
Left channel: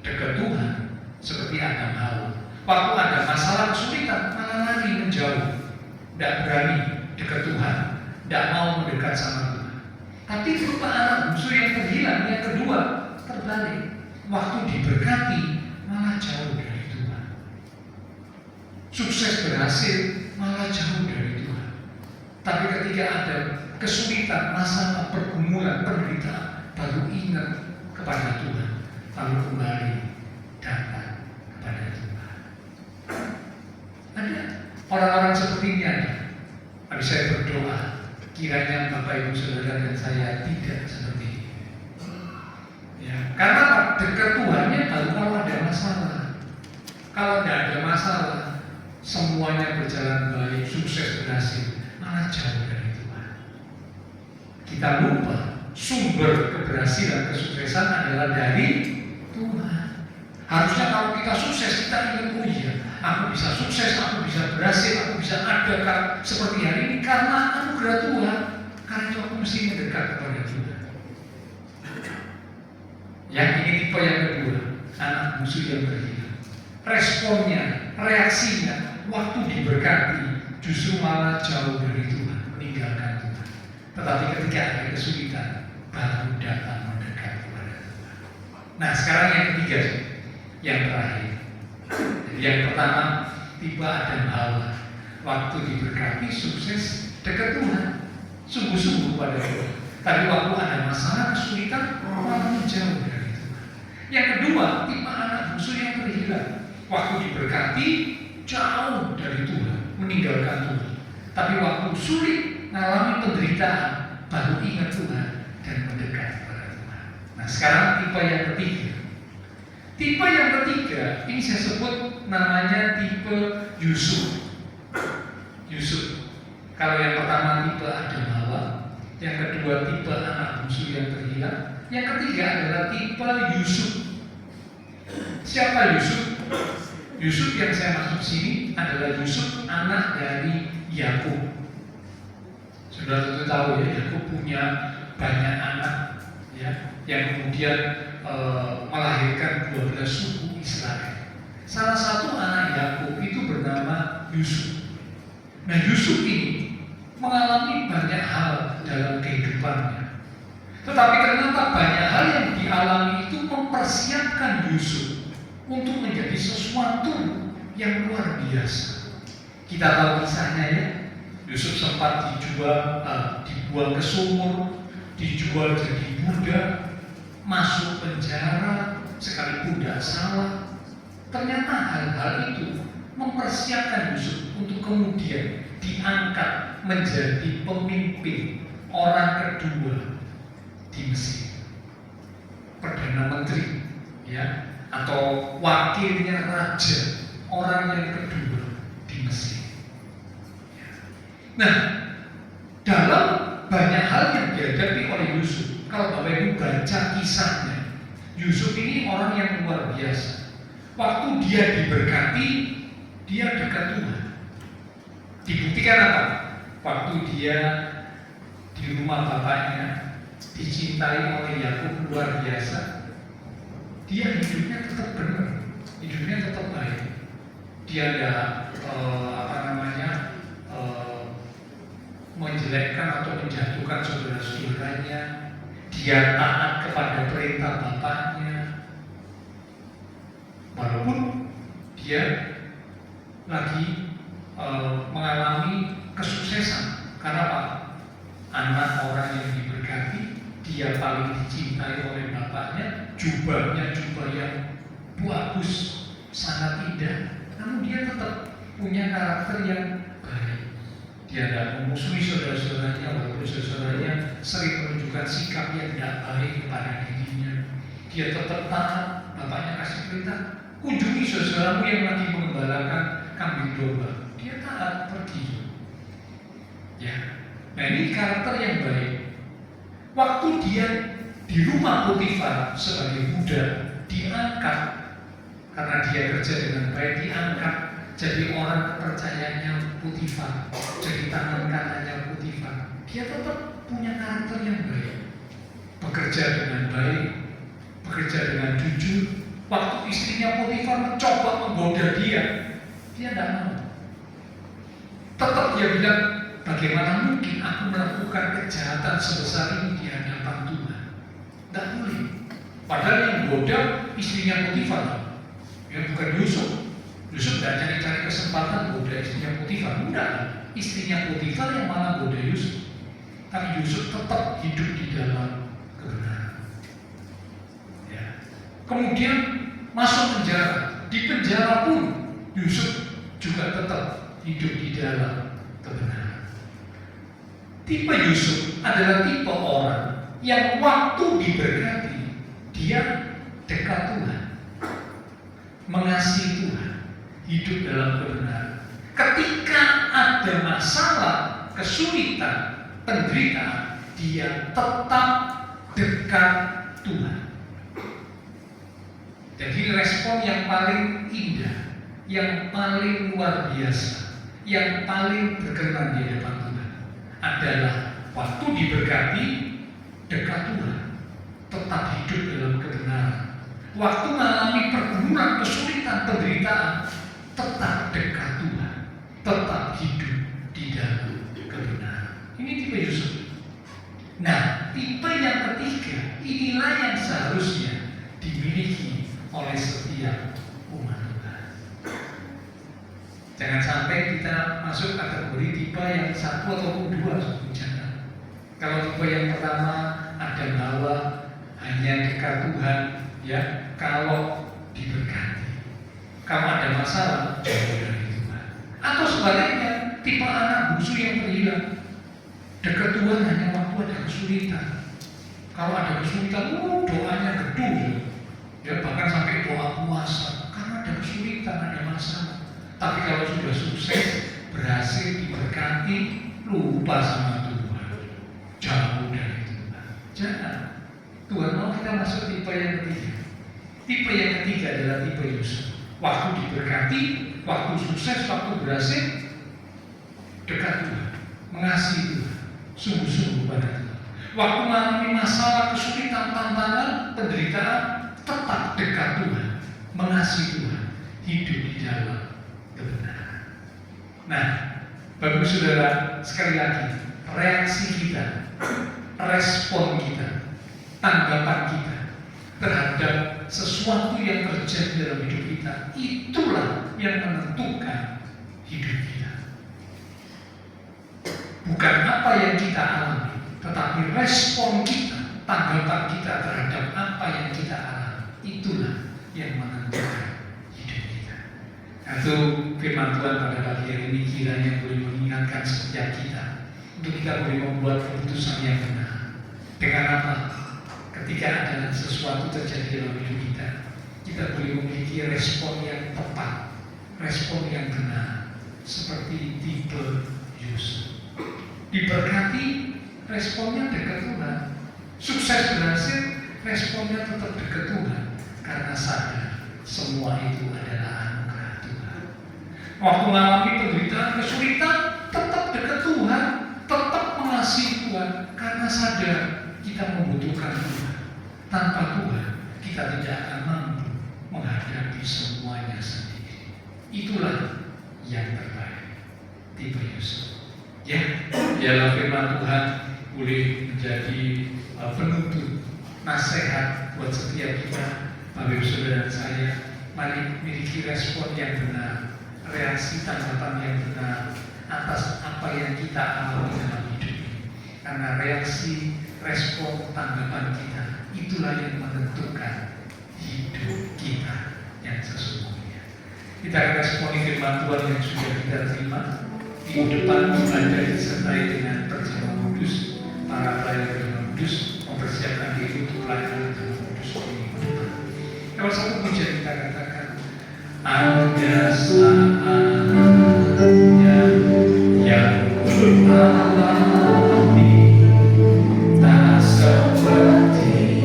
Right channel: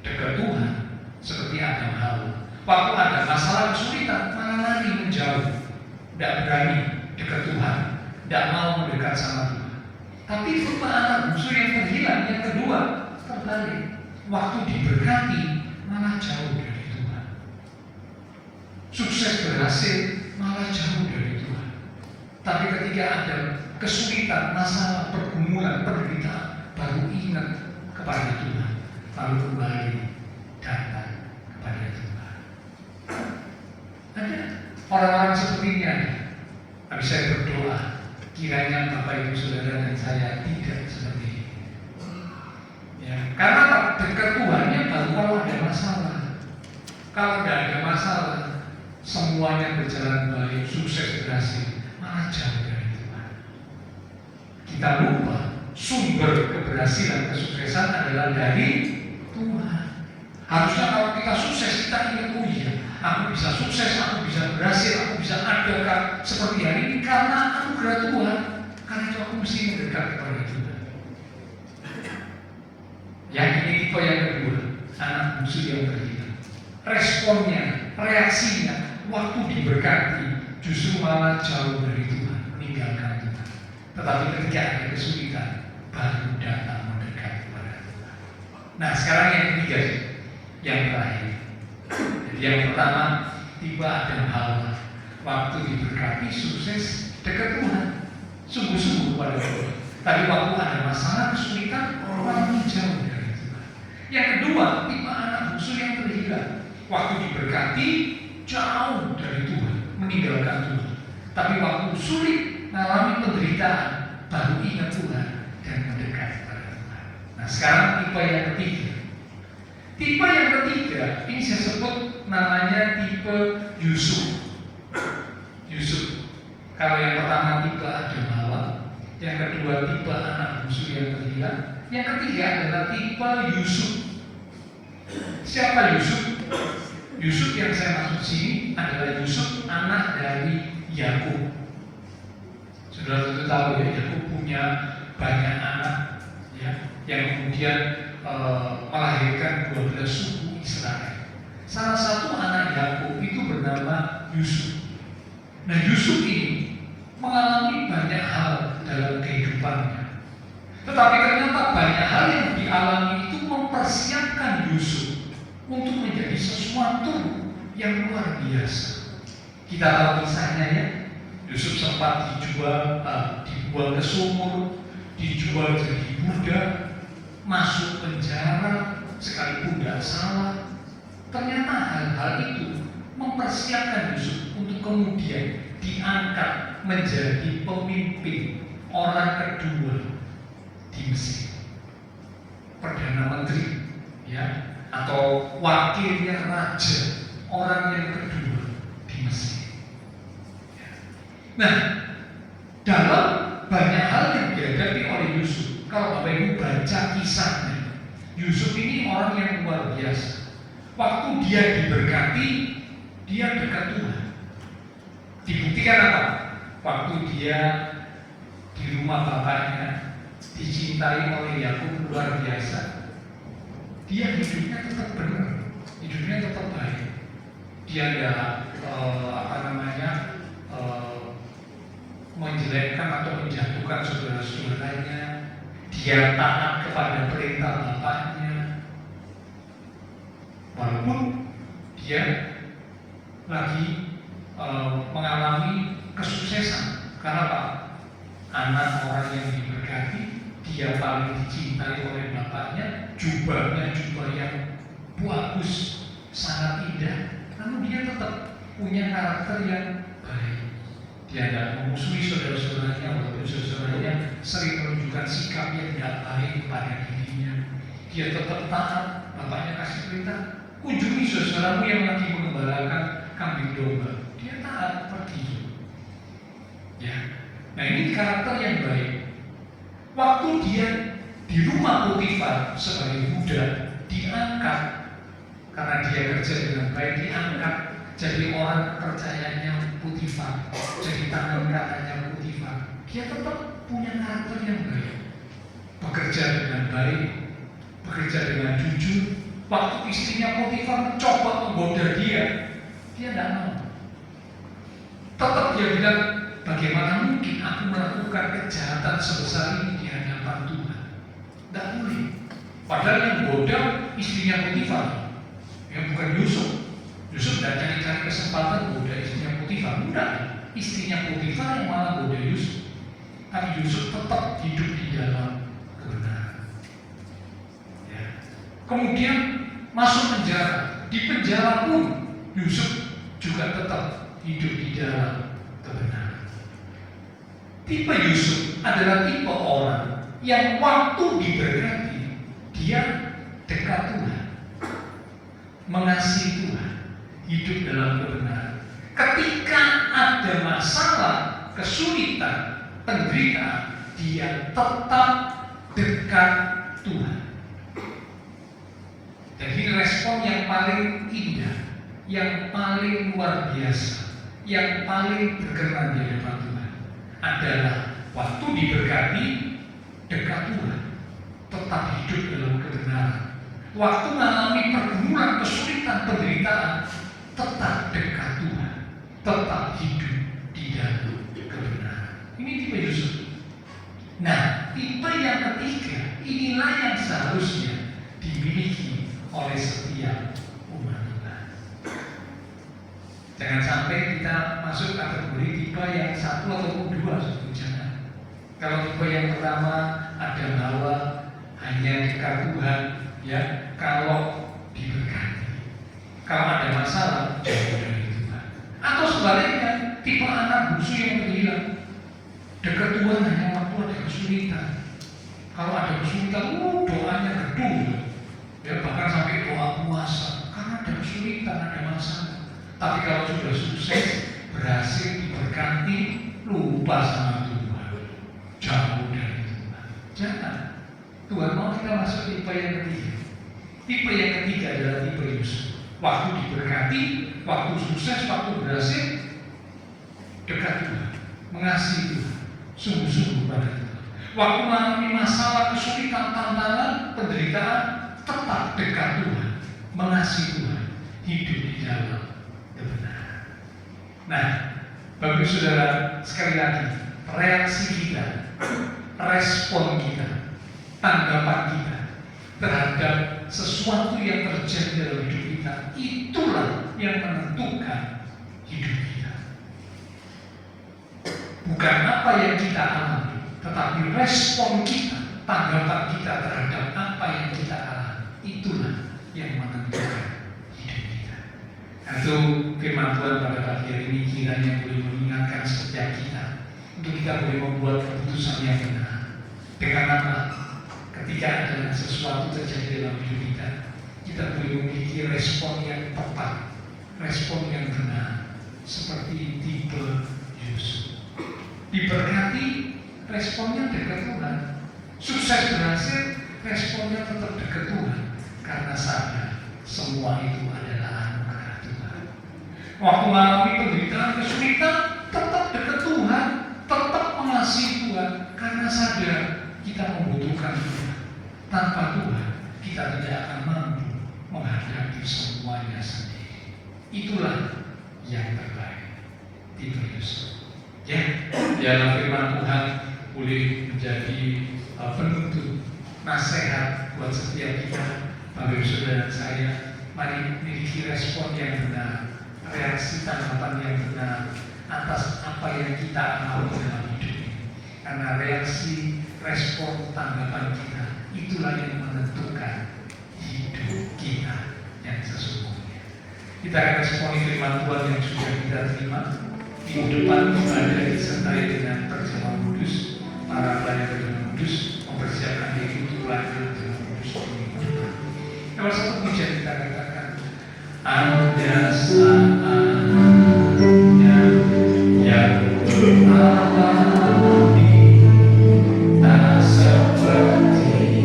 dekat Tuhan, seperti Adam Hawa. Waktu ada masalah kesulitan, malah lari menjauh, tidak berani dekat Tuhan, tidak mau mendekat sama Tuhan. Tapi tipe anak bungsu yang terhilang, yang kedua terbalik. Waktu diberkati, malah jauh dari Tuhan. Sukses berhasil, malah jauh dari Tuhan. Tapi ketika ada kesulitan, masalah, pergumulan, penderitaan, baru ingat kepada Tuhan, lalu kembali datang kepada Tuhan. Ada orang-orang seperti ini ada. Tapi saya berdoa, kiranya Bapak Ibu Saudara dan saya tidak seperti ini. Ya, karena dekat Tuhannya baru kalau ada masalah. Kalau tidak ada masalah, semuanya berjalan baik, sukses, berhasil, malah jauh dari Tuhan. Kita lupa sumber keberhasilan, kesuksesan adalah dari Tuhan. Harusnya kalau kita sukses, kita ingat, oh iya, aku bisa sukses, aku bisa berhasil, aku bisa ada seperti hari ini karena anugerah Tuhan. Karena itu aku mesti mendekat kepada Tuhan. Yang ini tipe yang kedua, anak bungsu yang terhilang. Responnya, reaksinya, waktu diberkati justru malah jauh dari Tuhan, meninggalkan Tuhan. Tetapi ketika ada kesulitan, baru datang mendekat kepada Tuhan. Nah, sekarang yang ketiga, yang terakhir. Jadi yang pertama, tipe Adam Hawa. Waktu diberkati, sukses, dekat Tuhan, sungguh-sungguh pada Tuhan. Tapi waktu ada masalah, kesulitan, malah jauh dari Tuhan. Yang kedua, tipe anak bungsu yang terhilang. Waktu diberkati, jauh dari Tuhan, meninggalkan Tuhan. Tapi waktu sulit, mengalami penderitaan, baru ingat Tuhan dan mendekat kepada Tuhan. Nah, sekarang tipe yang ketiga. Tipe yang ketiga, ini saya sebut namanya tipe Yusuf. Yusuf. Kalau yang pertama tipe Adam Hawa, yang kedua tipe anak bungsu yang terhilang, yang ketiga adalah tipe Yusuf. Siapa Yusuf? Yusuf yang saya maksud sini adalah Yusuf anak dari Yakub. Sudah tentu tahu ya, Yakub punya banyak anak ya, yang kemudian melahirkan 12 suku Israel. Salah satu anak Yakub itu bernama Yusuf. Nah, Yusuf ini mengalami banyak hal dalam kehidupannya. Tetapi ternyata banyak hal yang dialami itu mempersiapkan Yusuf untuk menjadi sesuatu yang luar biasa. Kita tahu kisahnya ya. Yusuf sempat dibuang ke sumur, dijual jadi budak, masuk penjara sekalipun tidak salah. Ternyata hal-hal itu mempersiapkan Yusuf untuk kemudian diangkat menjadi pemimpin orang kedua di Mesir, perdana menteri, ya, atau wakilnya raja, orang yang kedua di Mesir. Nah, dalam banyak hal yang dihadapi oleh Yusuf, kalau Bapak Ibu baca kisahnya, Yusuf ini orang yang luar biasa. Waktu dia diberkati, dia dekat Tuhan. Dibuktikan apa? Waktu dia di rumah bapaknya, dicintai oleh Yakub luar biasa, dia hidupnya tetap benar, hidupnya tetap baik. Dia menjelekkan atau menjatuhkan saudara-saudaranya. Dia taat kepada perintah bapaknya, walaupun dia lagi mengalami kesuksesan. Karena apa? Anak orang yang diberkati, dia paling dicintai oleh bapaknya, jubahnya jubah yang bagus, sangat indah. Namun dia tetap punya karakter yang baik. Dia tidak memusuhi saudara-saudaranya, walaupun saudara-saudaranya sering menunjukkan sikap yang tidak baik kepada dirinya. Dia tetap taat. Bapaknya kasih perintah, kunjungi saudaramu yang lagi mengembalakan kambing domba. Dia taat, pergi. Ya, nah ini karakter yang baik. Waktu dia di rumah Potifar sebagai budak, diangkat karena dia kerja dengan baik, diangkat jadi orang kepercayaannya Potifar, jadi tangan kanannya Potifar. Dia tetap punya karakter yang baik, bekerja dengan baik, bekerja dengan jujur. Waktu istrinya Potifar mencoba menggoda dia tidak mau. Tetap dia bilang, bagaimana mungkin aku melakukan kejahatan sebesar ini di hadapan Tuhan? Tidak boleh. Padahal yang goda istrinya Potifar, yang bukan Yusuf. Yusuf tidak cari-cari kesempatan goda istrinya Potifar. Enggak, istrinya Potifar yang malah goda Yusuf. Tapi Yusuf tetap hidup di dalam kebenaran. Ya. Kemudian masuk penjara. Di penjara pun Yusuf juga tetap hidup di dalam kebenaran. Tipe Yusuf adalah tipe orang yang waktu diberkati, dia dekat Tuhan, mengasihi Tuhan, hidup dalam kebenaran. Ketika ada masalah, kesulitan, penderitaan, dia tetap dekat Tuhan. Jadi respon yang paling indah, yang paling luar biasa, yang paling berkenan di hadapan Tuhan adalah waktu diberkati, dekat Tuhan, tetap hidup dalam kebenaran. Waktu mengalami pergumulan, kesulitan, penderitaan, tetap dekat Tuhan, tetap hidup di dalam kebenaran. Ini tipe Yusuf. Nah, tipe yang ketiga, inilah yang seharusnya dimiliki oleh setiap umat Tuhan. Jangan sampai kita masuk kategori tipe yang satu ataupun dua, jangan. Kalau tipe yang pertama ada bahwa hanya dekat Tuhan, ya, kalau diberkati. Kalau ada masalah, jauh dari Tuhan. Atau sebaliknya, tipe anak bungsu yang bilang dekat Tuhan hanya waktu ada kesulitan. Kalau ada kesulitan, doanya gedung. Ya, bahkan sampai doa puasa karena ada kesulitan, ada masalah. Tapi kalau sudah sukses, berhasil, diberkati, lupa sama Tuhan, jauh dari Tuhan. Jangan. Tuhan mau kita masuk tipe yang ketiga. Tipe yang ketiga adalah tipe Yusuf. Waktu diberkati, waktu sukses, waktu berhasil, dekat Tuhan, mengasihi Tuhan, sungguh-sungguh pada Tuhan. Waktu mengalami masalah, kesulitan, tantangan, penderitaan, tetap dekat Tuhan, mengasihi Tuhan, hidup di dalam kebenaran. Nah, Bapak Ibu Saudara, sekali lagi, reaksi kita, respon kita, tanggapan kita terhadap sesuatu yang terjadi dalam hidup kita, itulah yang menentukan hidup kita. Bukan apa yang kita alami, tetapi respon kita, tanggapan kita terhadap apa yang kita alami, itulah yang menentukan hidup kita. Itu firman Tuhan pada pagi hari ini kiranya boleh mengingatkan setiap kita untuk kita boleh membuat keputusan yang benar. Dengan apa? Ketika ada sesuatu terjadi dalam hidup kita, kita boleh memiliki respon yang tepat, respon yang benar, seperti tipe Yusuf. Diberkati, responnya dekat Tuhan, Sukses berhasil, responnya tetap dekat Tuhan karena sadar semua itu adalah anugerah Tuhan. Waktu mengalami penderitaan, kesulitan, tetap dekat Tuhan, tetap mengasihi Tuhan karena sadar kita membutuhkan Tuhan. Tanpa Tuhan, kita tidak akan mampu menghadapi semuanya sendiri. Itulah yang terbaik. Timotius. Ya, biarlah firman Tuhan boleh menjadi penuntut, nasihat buat setiap kita, Bapak Ibu Saudara dan saya. Mari miliki respon yang benar, reaksi tanggapan yang benar atas apa yang kita alami dalam hidup ini. Karena reaksi, respon, tanggapan kita itulah yang menentukan hidup kita yang sesungguhnya. Kita responi firman Tuhan yang sudah kita terima. Minggu depan ibadah disertai dengan perjamuan kudus. Para pelayan perjamuan kudus mempersiapkan diri untuk pelayanan perjamuan kudus di minggu depan. Kalau satu pujian kita katakan, ada saatnya yang ku alami tak seperti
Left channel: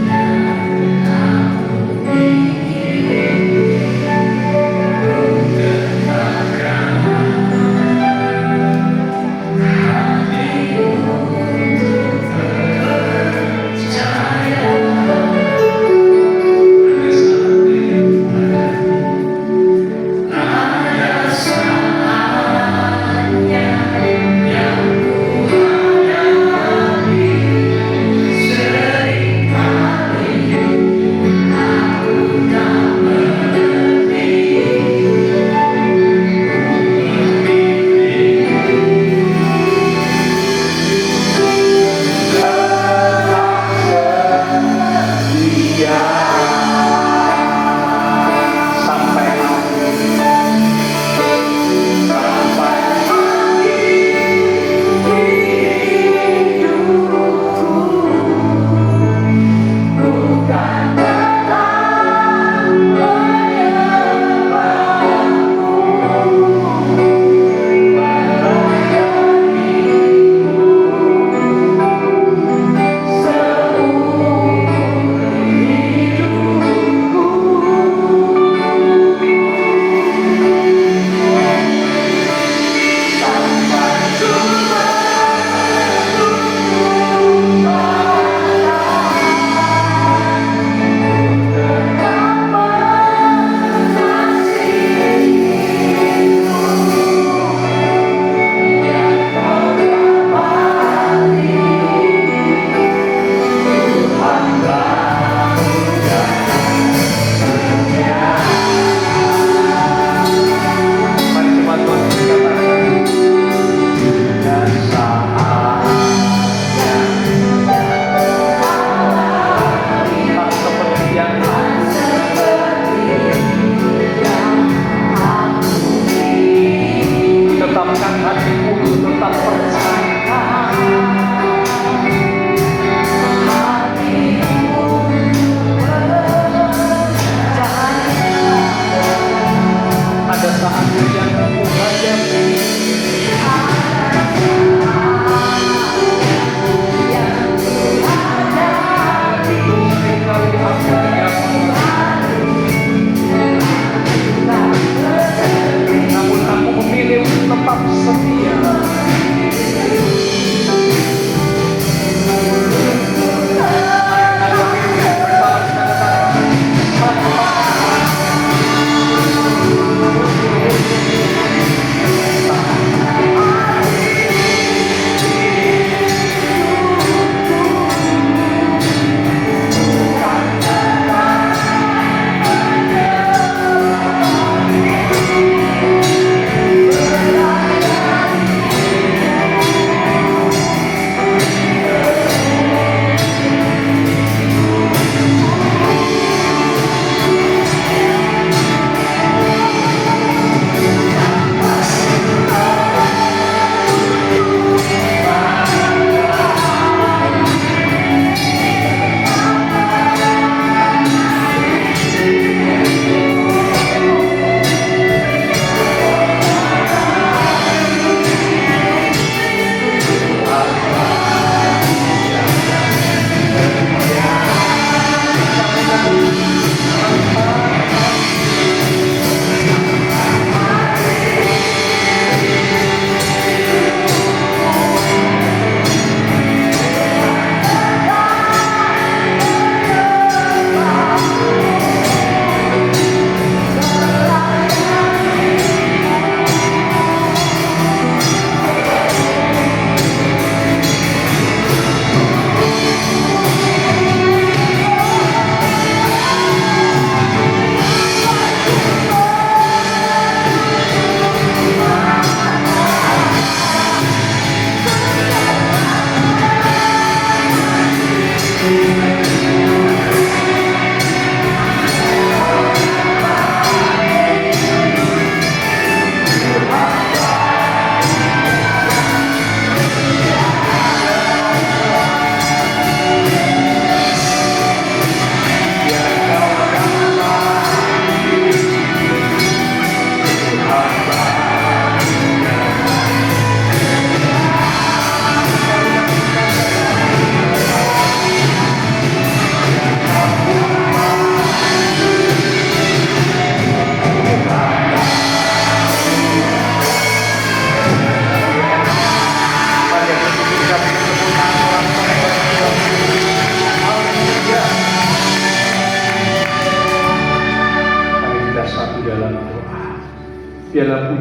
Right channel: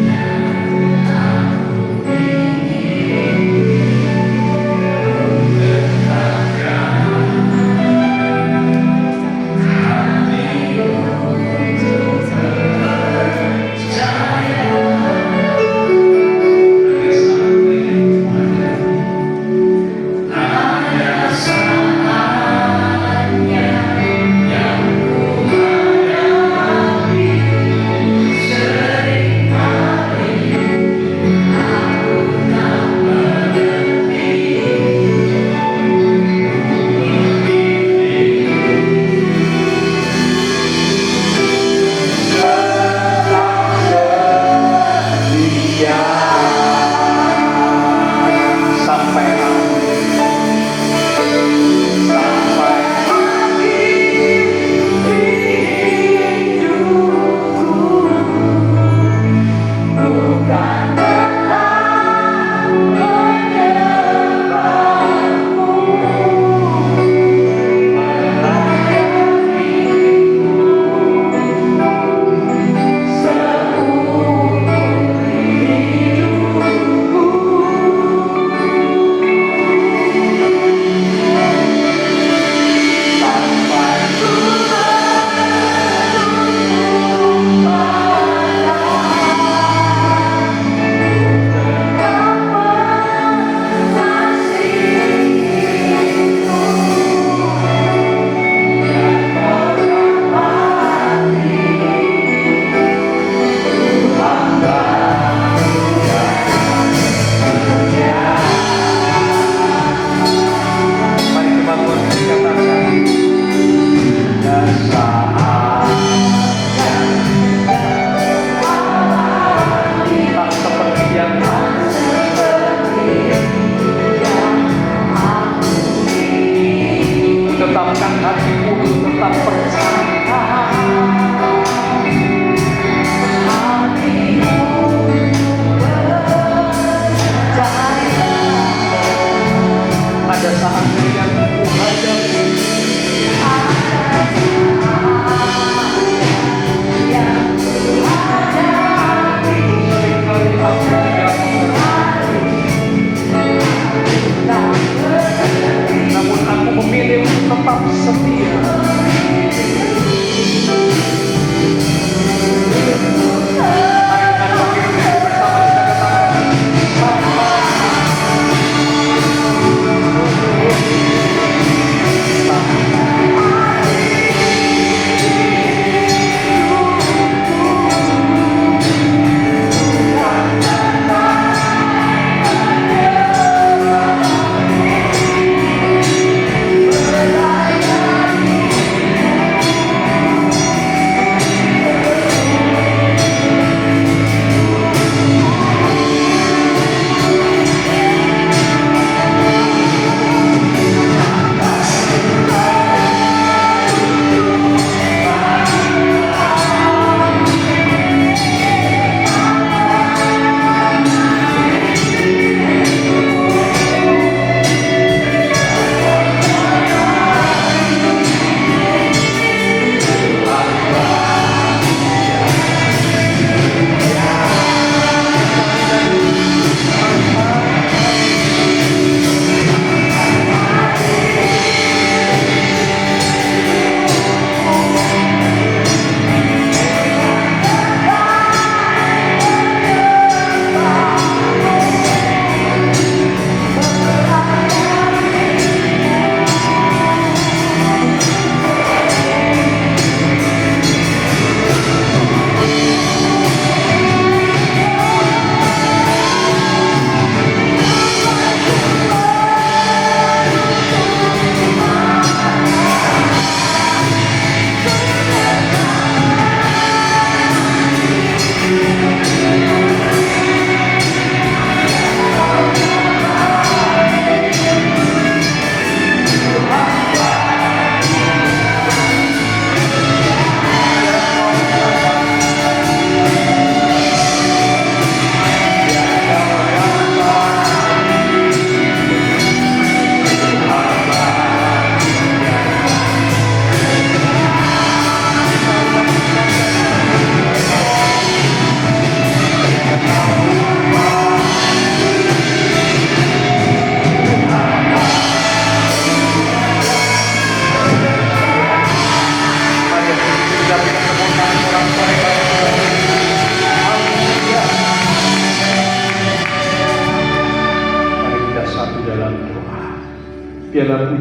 yang aku ingin. Tegakkan hati untuk percaya. Ada saatnya yang ku hadapi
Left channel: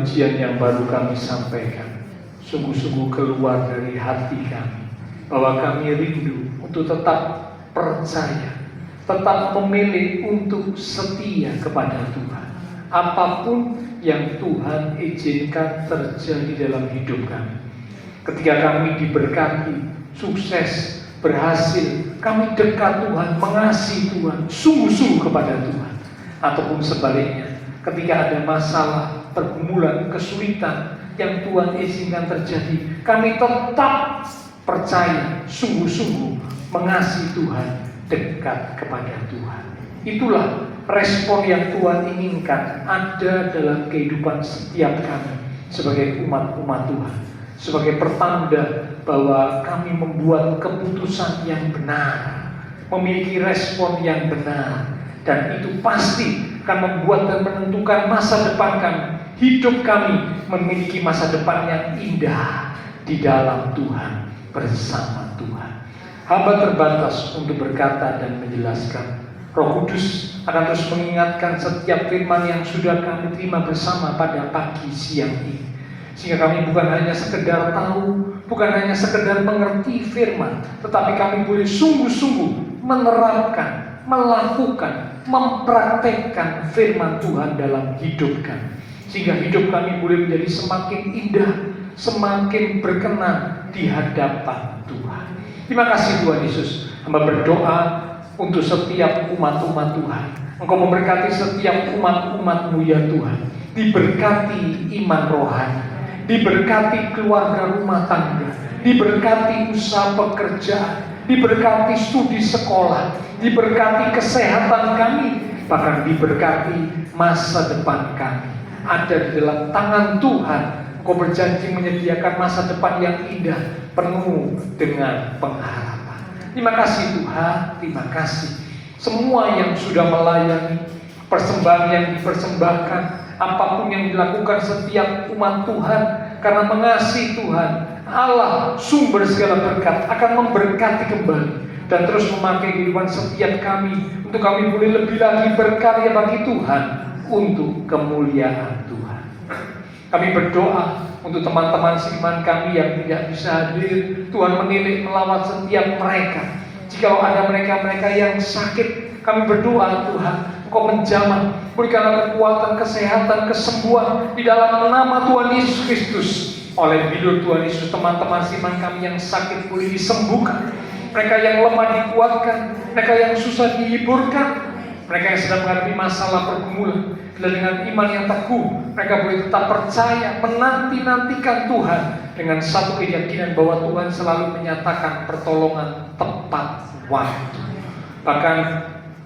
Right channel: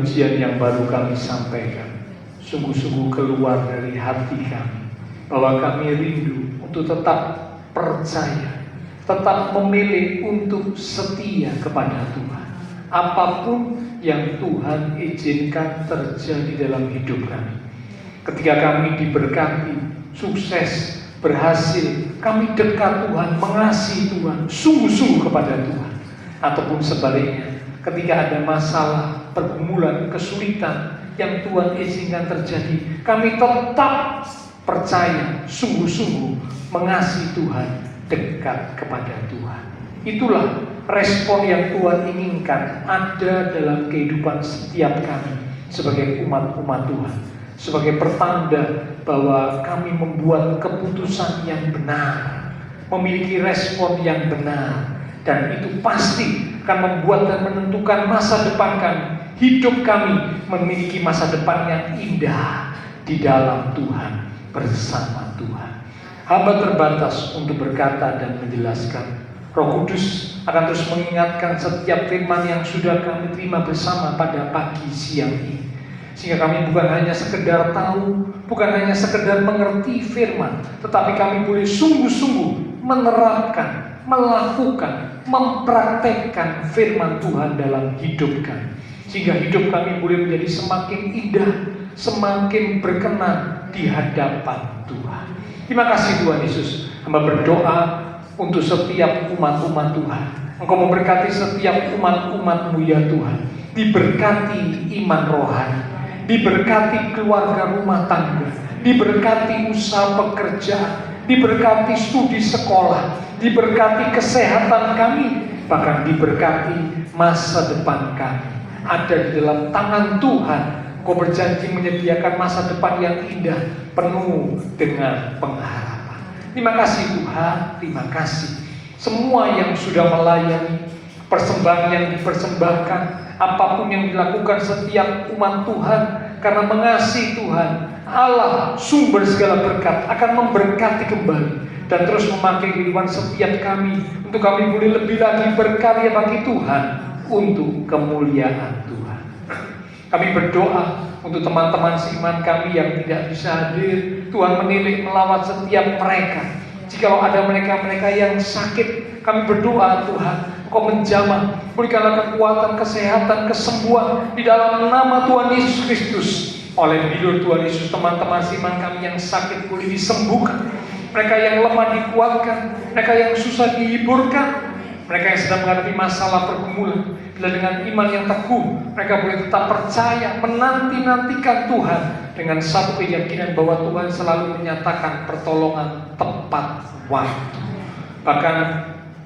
pujian yang baru kami sampaikan sungguh-sungguh keluar dari hati kami, bahwa kami rindu untuk tetap percaya, tetap memilih untuk setia kepada Tuhan. Apapun yang Tuhan izinkan terjadi dalam hidup kami, ketika kami diberkati, sukses, berhasil, kami dekat Tuhan, mengasihi Tuhan, sungguh-sungguh kepada Tuhan. Ataupun sebaliknya, ketika ada masalah, pergumulan, kesulitan yang Tuhan izinkan terjadi, kami tetap percaya, sungguh-sungguh mengasihi Tuhan, dekat kepada Tuhan. Itulah respon yang Tuhan inginkan ada dalam kehidupan setiap kami sebagai umat-umat Tuhan, sebagai pertanda bahwa kami membuat keputusan yang benar, memiliki respon yang benar, dan itu pasti akan membuat dan menentukan masa depan kami. Hidup kami memiliki masa depan yang indah di dalam Tuhan, bersama Tuhan. Hamba terbatas untuk berkata dan menjelaskan. Roh Kudus akan terus mengingatkan setiap firman yang sudah kami terima bersama pada pagi siang ini, sehingga kami bukan hanya sekedar tahu, bukan hanya sekedar mengerti firman, tetapi kami boleh sungguh-sungguh menerapkan, melakukan, mempraktekkan firman Tuhan dalam hidup kami, sehingga hidup kami boleh menjadi semakin indah, semakin berkenan di hadapan Tuhan. Terima kasih Tuhan Yesus. Hamba berdoa untuk setiap umat-umat Tuhan. Engkau memberkati setiap umat-umat-Mu ya Tuhan. Diberkati iman rohani, diberkati keluarga rumah tangga, diberkati usaha pekerjaan, diberkati studi sekolah, diberkati kesehatan kami, bahkan diberkati masa depan kami. Ada di dalam tangan Tuhan. Engkau berjanji menyediakan masa depan yang indah, penuh dengan pengharapan. Terima kasih Tuhan, terima kasih. Semua yang sudah melayani, persembahan yang dipersembahkan, apapun yang dilakukan setiap umat Tuhan, karena mengasihi Tuhan, Allah sumber segala berkat akan memberkati kembali dan terus memakai kehidupan setiap kami untuk kami boleh lebih lagi berkarya bagi Tuhan untuk kemuliaan Tuhan. Kami berdoa untuk teman-teman seiman kami yang tidak bisa hadir. Tuhan menilik melawat setiap mereka. Jika ada mereka-mereka yang sakit, kami berdoa Tuhan, Engkau menjamah, berikanlah kekuatan, kesehatan, kesembuhan di dalam nama Tuhan Yesus Kristus. Oleh hidup Tuhan Yesus, teman-teman seiman kami yang sakit boleh disembuhkan, mereka yang lemah dikuatkan, mereka yang susah dihiburkan, mereka yang sedang menghadapi masalah pergumulan, dan dengan iman yang teguh, mereka boleh tetap percaya, menanti-nantikan Tuhan dengan satu keyakinan bahwa Tuhan selalu menyatakan pertolongan tepat waktu. Bahkan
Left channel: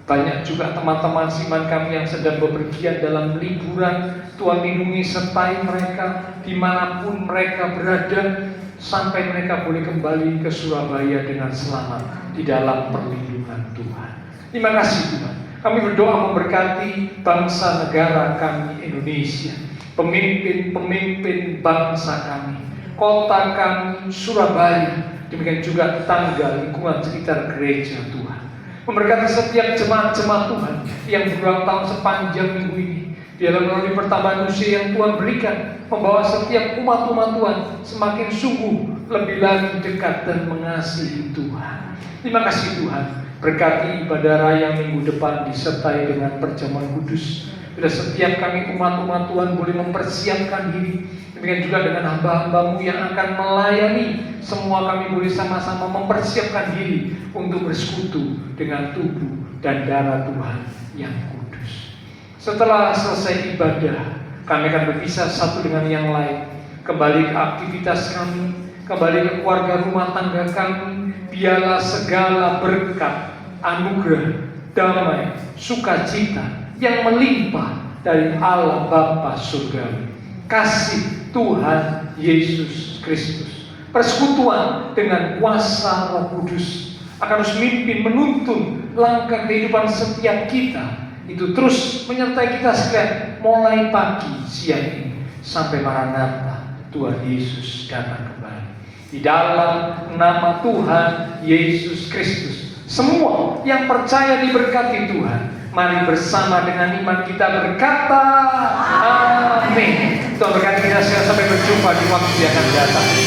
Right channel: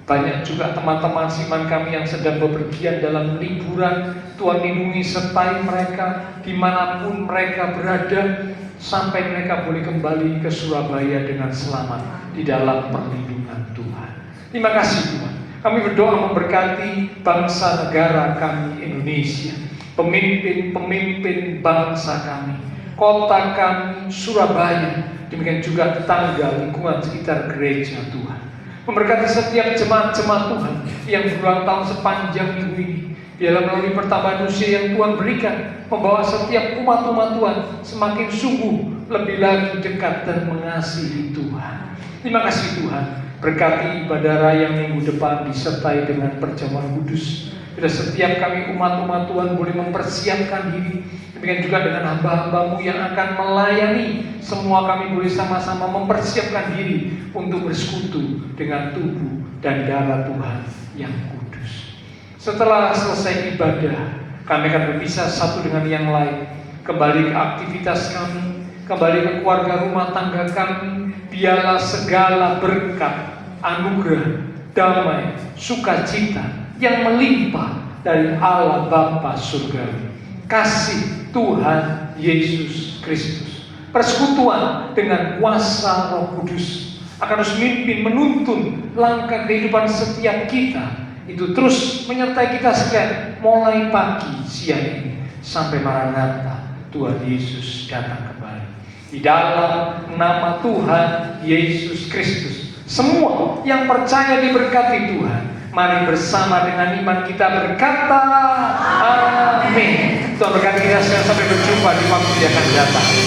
banyak juga teman-teman siman kami yang sedang bepergian dalam liburan. Tuhan lindungi sertai mereka dimanapun mereka berada, sampai mereka boleh kembali ke Surabaya dengan selamat di dalam perlindungan Tuhan. Terima kasih Tuhan. Kami berdoa memberkati bangsa negara kami Indonesia, pemimpin-pemimpin bangsa kami, kota kami Surabaya, demikian juga tetangga lingkungan sekitar gereja Tuhan. Memberkati setiap jemaat-jemaat Tuhan yang berulang tahun sepanjang minggu ini, dalam melalui pertambahan usia yang Tuhan berikan, membawa setiap umat-umat Tuhan semakin sungguh lebih lagi dekat dan mengasihi Tuhan. Terima kasih Tuhan. Berkati ibadah raya minggu depan disertai dengan perjamuan kudus. Bila setiap kami umat-umat Tuhan boleh mempersiapkan diri, demikian juga dengan hamba-hamba-Mu yang akan melayani, semua kami boleh sama-sama mempersiapkan diri untuk bersekutu dengan tubuh dan darah Tuhan yang kudus. Setelah selesai ibadah, kami akan berpisah satu dengan yang lain, kembali ke aktivitas kami, kembali ke keluarga rumah tangga kami. Biarlah segala berkat, anugerah, damai, sukacita yang melimpah dari Allah Bapa Surgawi, kasih Tuhan Yesus Kristus, persekutuan dengan kuasa Roh Kudus akan terus memimpin, menuntun langkah kehidupan setiap kita, itu terus menyertai kita sekalian mulai pagi, siang ini sampai Maranatha Tuhan Yesus datang kembali. Di dalam nama Tuhan Yesus Kristus, semua yang percaya diberkati Tuhan. Mari bersama dengan iman kita berkata, amin. Tuhan berkati kita semua sampai berjumpa di waktu yang akan datang.